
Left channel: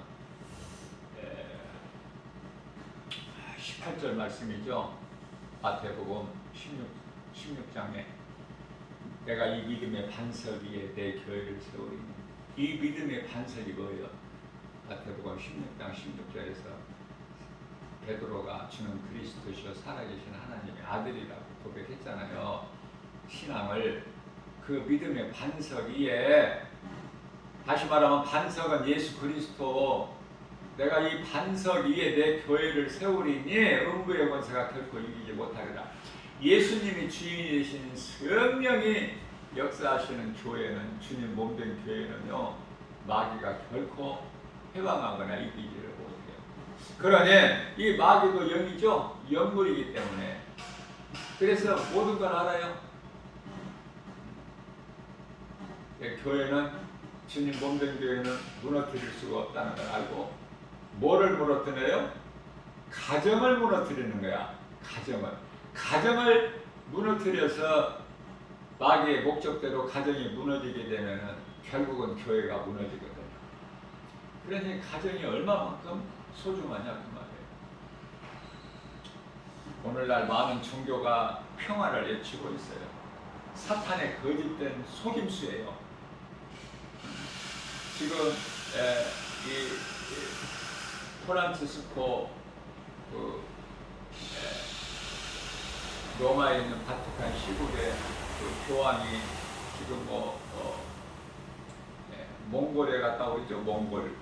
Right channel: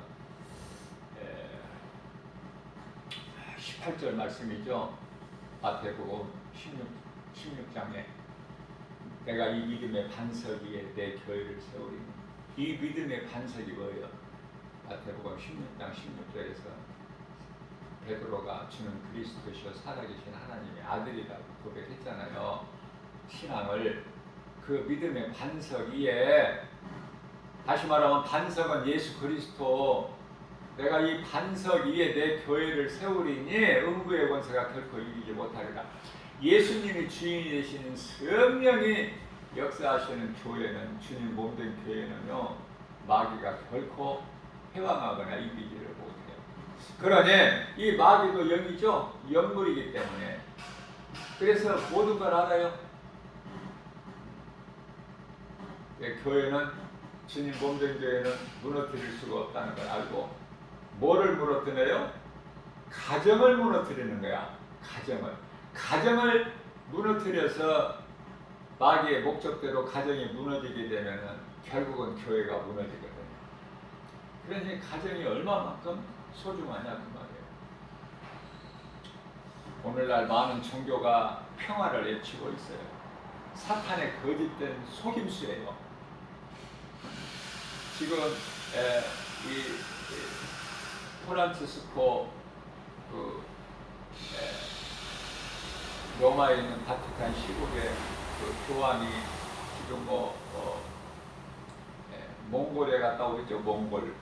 18절 말씀이죠. 마태복음 16장에 내가 이 믿음의 반석 위에 내 교회를 세우리니 이 믿음의 반석이 뭐예요? 마태복음 16장 16절에서 베드로가 주는 그리스도시요 살아계신 하나님의 아들이라고 고백했잖아요. 신앙을 그 믿음의 반석 위에 다시 말하면 반석은 예수 그리스도 내가 이 반석 위에 내 교회를 세우리니 음부의 권세가 결코 이기지 못하리라. 예수님이 주인이 되시는 성령이 역사하시는 교회는 주님 몸된 교회는요 마귀가 결코 해방하거나 이기지를 못해요. 그러니 이 마귀도 영이죠. 영물이기 때문에 그래서 모든 걸 알아요. 교회는 주님 몸된 교회는 무너뜨릴 수가 없다는 걸 알고 뭐를 무너뜨려요? 가정을 무너뜨리는 거야. 가정을 무너뜨려서 마귀의 목적대로 가정이 무너지게 되면은 결국은 교회가 무너지거든요. 그러니 가정이 얼마만큼 소중하냐 그 말이에요. 오늘날 많은 종교가 평화를 외치고 있어요. 사탄의 거짓된 속임수예요. 지금 이 프란치스코 로마에 있는 바티칸 시국의 그 교황이 지금 몽골에 갔다 오죠. 몽골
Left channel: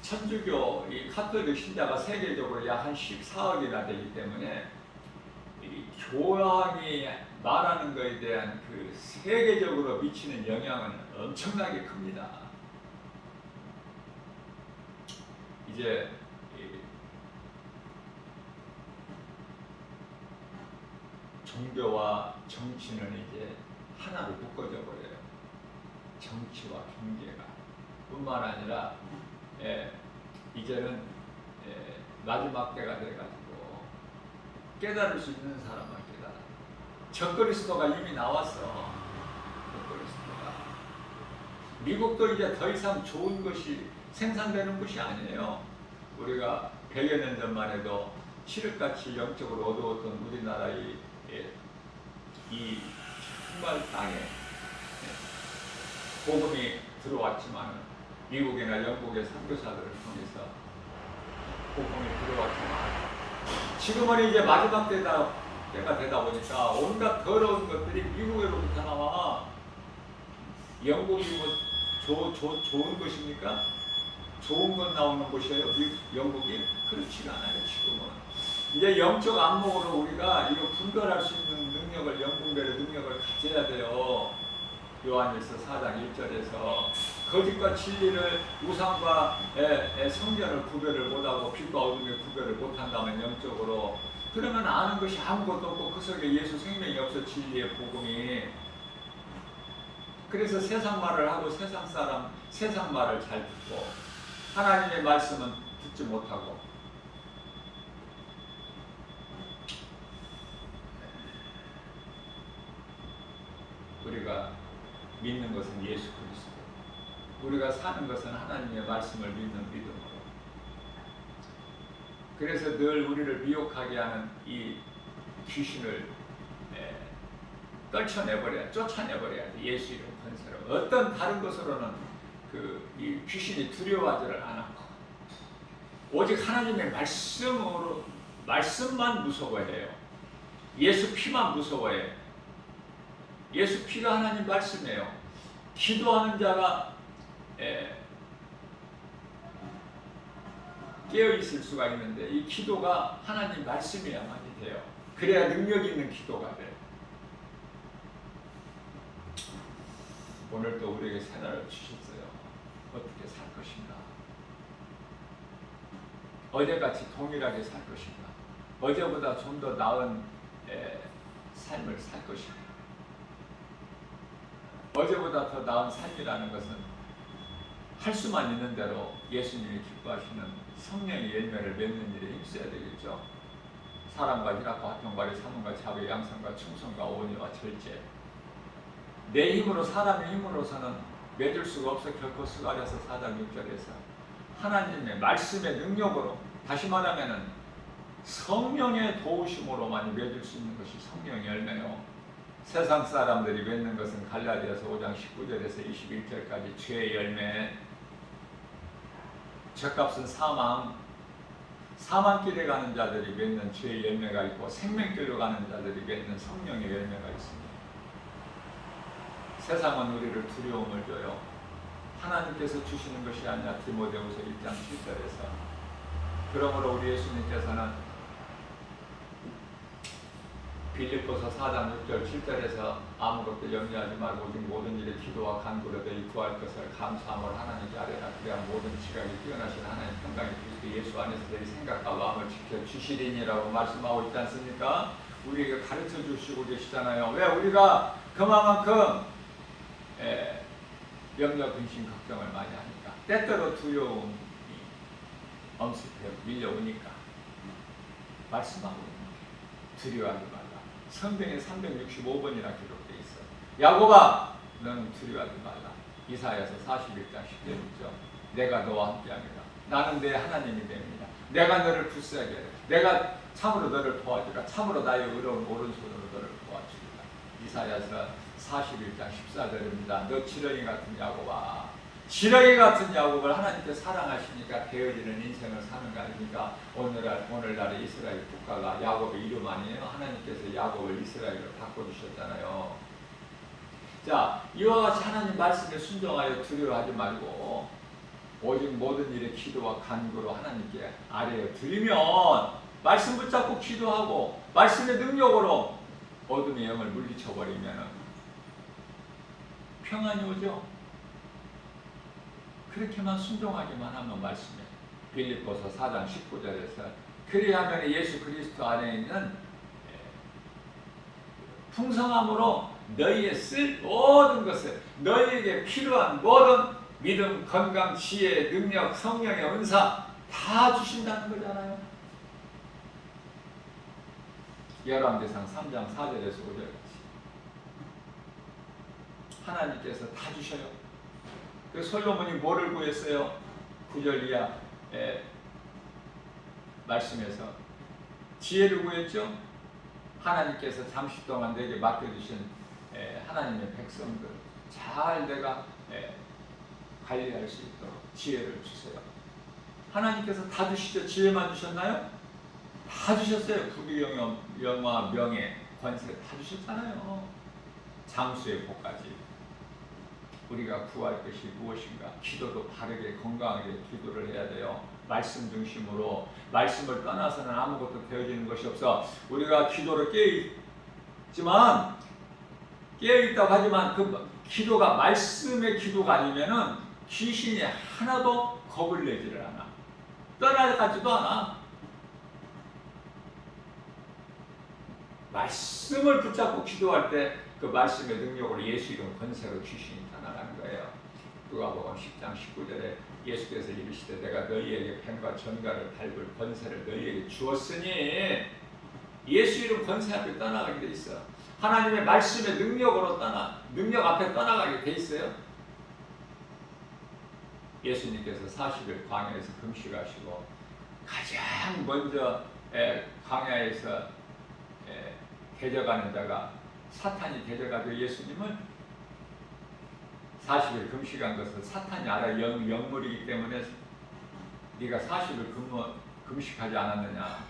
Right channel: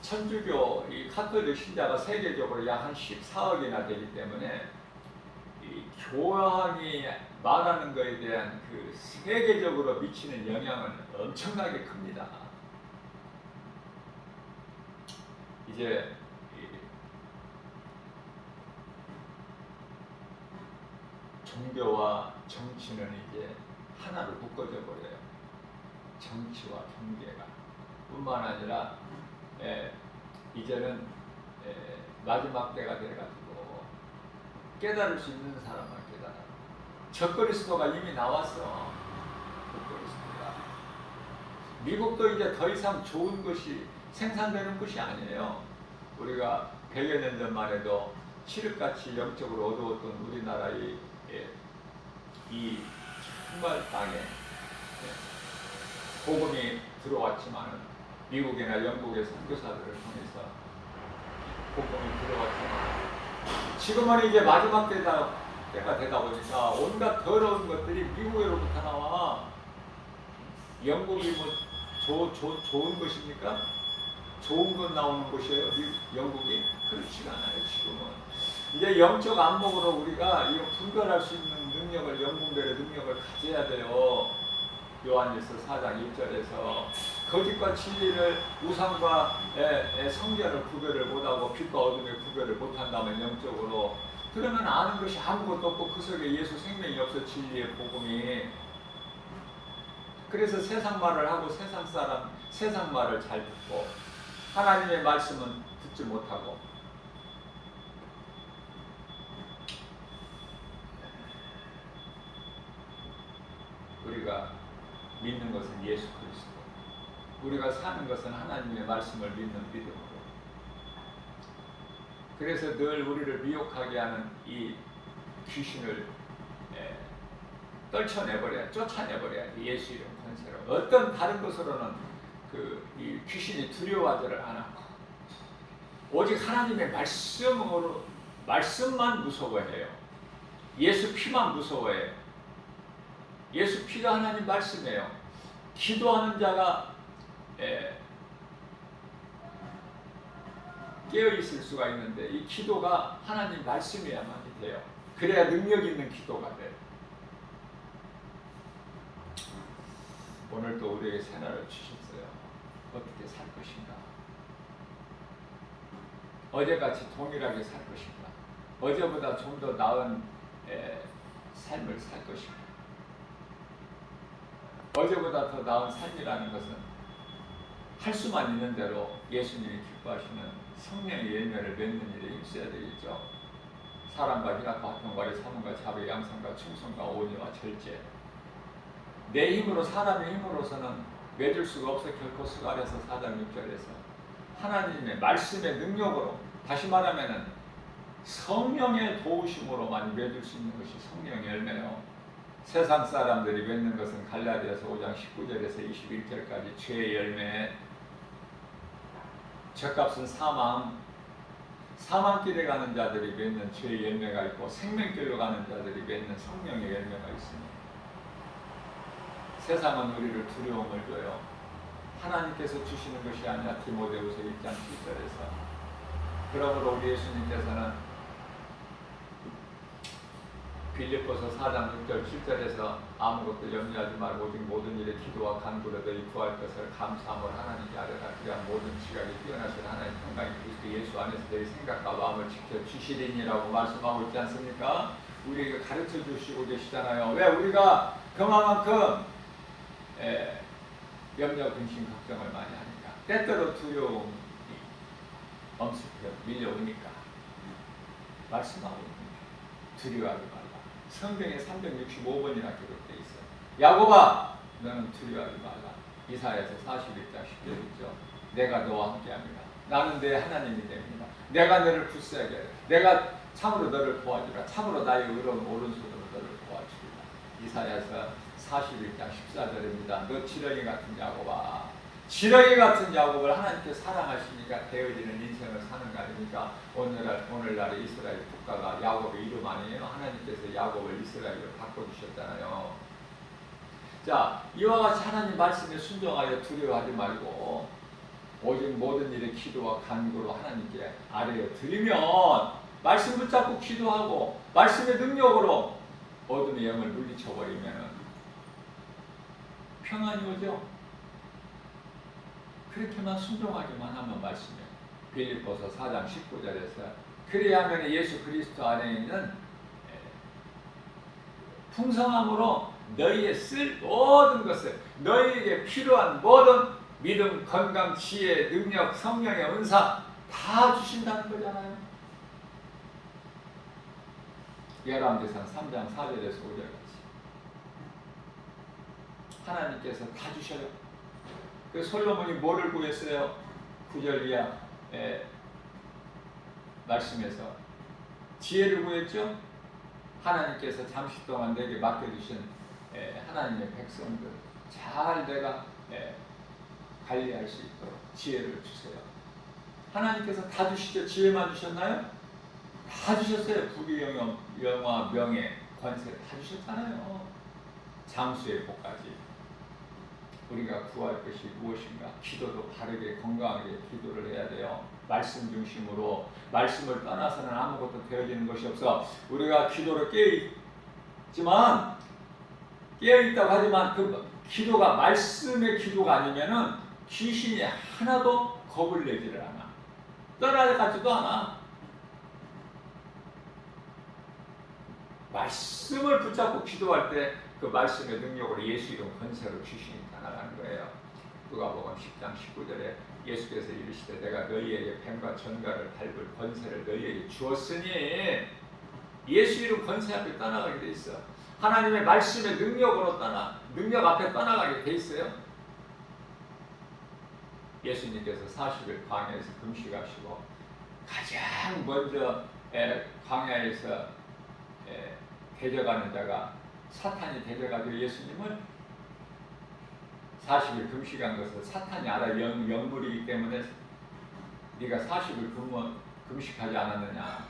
천주교 이 카톨릭 신자가 세계적으로 약 한 14억이나 되기 때문에 이 교황이 말하는 것에 대한 그 세계적으로 미치는 영향은 엄청나게 큽니다. 이제 종교와 정치는 이제 하나로 묶어져 버려요. 정치와 경제가 뿐만 아니라 이제는 마지막 때가 돼가지고 깨달을 수 있는 사람만 깨달아요. 적그리스도가 이미 나왔어. 적그리스도가. 미국도 이제 더 이상 좋은 것이 생산되는 것이 아니에요. 우리가 100여 년 전만 해도 칠흑같이 영적으로 어두웠던 우리나라의 이 정말 땅에 복음이 들어왔지만은 미국이나 영국의 선교사들을 통해서 복음이 들어왔지만 지금은 이제 마지막 때가 되다 보니까 온갖 더러운 것들이 미국으로부터 나와. 영국이 뭐 좋은 것입니까? 좋은 것 나오는 곳이에요. 영국이 그렇지가 않아요. 지금은 이제 영적 안목으로 우리가 이거 분별할 수 있는 능력을, 영분별의 능력을 가져야 돼요. 요한일서 4장 1절에서 거짓과 진리를, 우상과 성전을 구별을 못하고 빛과 어둠의 구별을 못한다면 영적으로, 그러면 아는 것이 아무것도 없고 그 속에 예수 생명이 없어. 진리의 복음이. 그래서 세상 말을 하고 세상 말을 잘 듣고 하나님의 말씀은 듣지 못하고. 우리가 믿는 것은 예수 그리스도, 우리가 사는 것은 하나님의 말씀을 믿는 믿음으로. 그래서 늘 우리를 미혹하게 하는 이 귀신을 떨쳐내버려야, 쫓아내버려야 돼. 예수 이름 권세로. 어떤 다른 것으로는 이 귀신이 두려워하지를 않고 오직 하나님의 말씀으로, 말씀만 무서워해요. 예수 피만 무서워해요. 예수 피가 하나님 말씀이에요. 기도하는 자가 깨어 있을 수가 있는데 이 기도가 하나님 말씀이야만이 돼요. 그래야 능력 있는 기도가 돼요. 오늘 또 우리에게 새날을 주셨어요. 어떻게 살 것인가? 어제같이 동일하게 살 것인가? 어제보다 좀 더 나은 삶을 살 것인가? 어제보다 더 나은 삶이라는 것은 할 수만 있는 대로 예수님이 기뻐하시는 성령의 열매를 맺는 일에 힘써야 되겠죠. 사랑과 희락과 화평과 사문과 자비, 양선과 충성과 온유와 절제. 내 힘으로, 사람의 힘으로서는 맺을 수가 없어. 결코 스가랴서 4장 6절에서 하나님의 말씀의 능력으로, 다시 말하면은 성령의 도우심으로만 맺을 수 있는 것이 성령의 열매요. 세상 사람들이 맺는 것은 갈라디아서 5장 19절에서 21절까지 죄의 열매, 죗값은 사망길에 가는 자들이 맺는 죄의 열매가 있고 생명길로 가는 자들이 맺는 성령의 열매가 있습니다. 세상은 우리를 두려움을 줘요. 하나님께서 주시는 것이 아니라. 디모데후서 1장 7절에서. 그러므로 우리 예수님께서는 빌립보서 4장 6절 7절에서 아무것도 염려하지 말고 오직 모든 일에 기도와 간구로 너희 구할 것을 감사함으로 하나님께 아뢰라. 그래야 모든 지각이 뛰어나신 하나님 평강이 그리스도 예수 안에서 너희 생각과 마음을 지켜주시리니라고 말씀하고 있지 않습니까? 우리에게 가르쳐 주시고 계시잖아요. 왜? 우리가 그만큼 염려, 근심, 걱정을 많이 하니까. 때때로 두려움이 엄습해 밀려오니까 말씀하고 있는 거예요. 두려워하지 말라. 성경에 365번이나 기록되어 있어. 야곱아, 너는 두려워하지 말라. 이사야서 41장 10절 있죠. 내가 너와 함께합니다. 나는 내 하나님이 됩니다. 내가 너를 굳세하게 하리라. 내가 참으로 너를 도와주라. 참으로 나의 의로운 오른손으로 너를 도와주리라. 이사야서 41장 14절입니다. 너 지렁이 같은 야곱아. 지렁이 같은 야곱을 하나님께서 사랑하시니까 되어지는 인생을 사는 거 아닙니까? 오늘날의 이스라엘 국가가 야곱의 이름 아니에요? 하나님께서 야곱을 이스라엘로 바꿔주셨잖아요. 자, 이와 같이 하나님 말씀에 순종하여 두려워하지 말고 오직 모든 일에 기도와 간구로 하나님께 아뢰어 드리면 말씀 붙잡고 기도하고 말씀의 능력으로 어둠의 영을 물리쳐버리면 평안이 오죠. 그렇게만 순종하기만 하면 말씀에 빌립보서 4장 19절에서 그리하면 예수 그리스도 안에 있는 풍성함으로 너희의 쓸 모든 것을 너희에게 필요한 모든 믿음, 건강, 지혜, 능력, 성령의 은사 다 주신다는 거잖아요. 열왕기상 3장 4절에서 5절까지 하나님께서 다 주셔요. 그 솔로몬이 뭐를 구했어요? 9절 이하 말씀에서 지혜를 구했죠. 하나님께서 잠시 동안 내게 맡겨주신 하나님의 백성들 잘 내가 관리할 수 있도록 지혜를 주세요. 하나님께서 다 주시죠. 지혜만 주셨나요? 다 주셨어요. 부귀, 영화, 명예, 권세 다 주셨잖아요. 장수의 복까지. 우리가 구할 것이 무엇인가? 기도도 바르게 건강하게 기도를 해야 돼요. 말씀 중심으로. 말씀을 떠나서는 아무것도 되어지는 것이 없어. 우리가 기도를 깨어있다고 하지만 그 기도가 말씀의 기도가 아니면은 귀신이 하나도 겁을 내지를 않아. 떠나가지도 않아. 말씀을 붙잡고 기도할 때 그 말씀의 능력으로 예수 이름 권세로 귀신이 떠나가는 거예요. 누가복음 10장 19절에 예수께서 이르시되 내가 너희에게 뱀과 전갈을 밟을 권세를 너희에게 주었으니 예수 이름 권세 앞에 떠나가게 돼 있어. 하나님의 말씀의 능력으로 능력 앞에 떠나가게 돼 있어요. 예수님께서 40일 광야에서 금식하시고 가장 먼저 광야에서 대적하는 자가 사탄이 대적하죠. 예수님을 40일 금식한 것을 사탄이 알아. 영물이기 때문에 네가 40일 금식하지 않았느냐,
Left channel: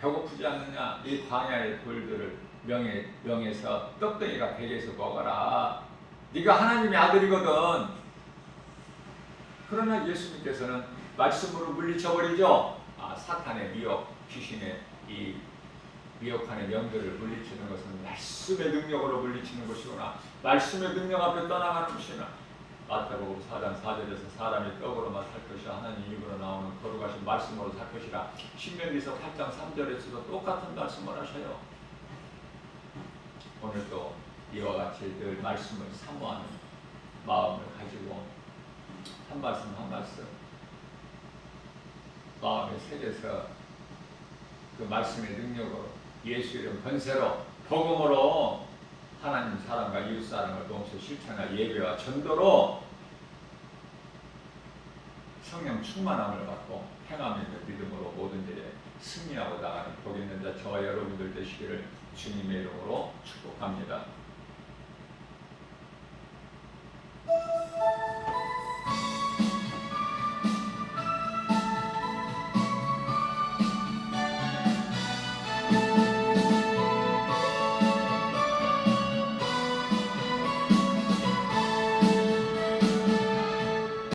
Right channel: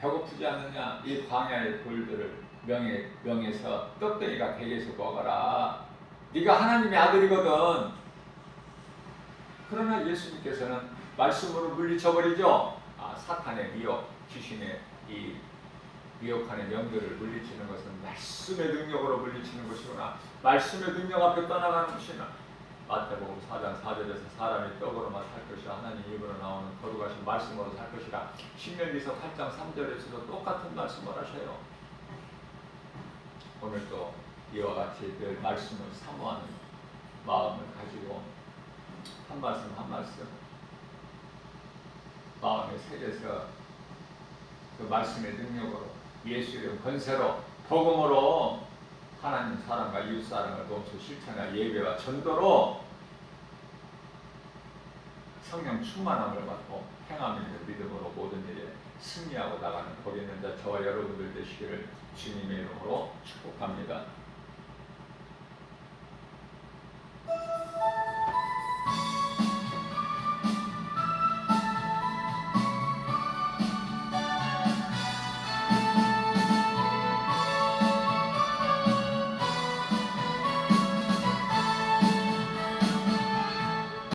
배고프지 않느냐, 이 광야의 돌들을 명에서 떡덩이가 베개에서 먹어라. 네가 하나님의 아들이거든. 그러나 예수님께서는 말씀으로 물리쳐버리죠. 사탄의 미혹, 귀신의 이 미혹하는 영들을 물리치는 것은 말씀의 능력으로 물리치는 것이구나. 말씀의 능력 앞에 떠나가는 것이나 마태복음 4장 4절에서 사람이 떡으로만 살 것이라 하나님 입으로 나오는 거룩하신 말씀으로 살 것이라. 신명기서 8장 3절에서도 똑같은 말씀을 하셔요. 오늘도 이와 같이 늘 말씀을 사모하는 마음을 가지고 한 말씀 한 말씀 마음에 새겨서 그 말씀의 능력으로 예수 이름 권세로 복음으로 하나님 사랑과 이웃 사랑을 동시에 실천할 예배와 전도로 성령 충만함을 받고 행함 있는 믿음으로 모든 일에 승리하고 나가는 복 있는 자 저와 여러분들 되시기를 주님의 이름으로 축복합니다.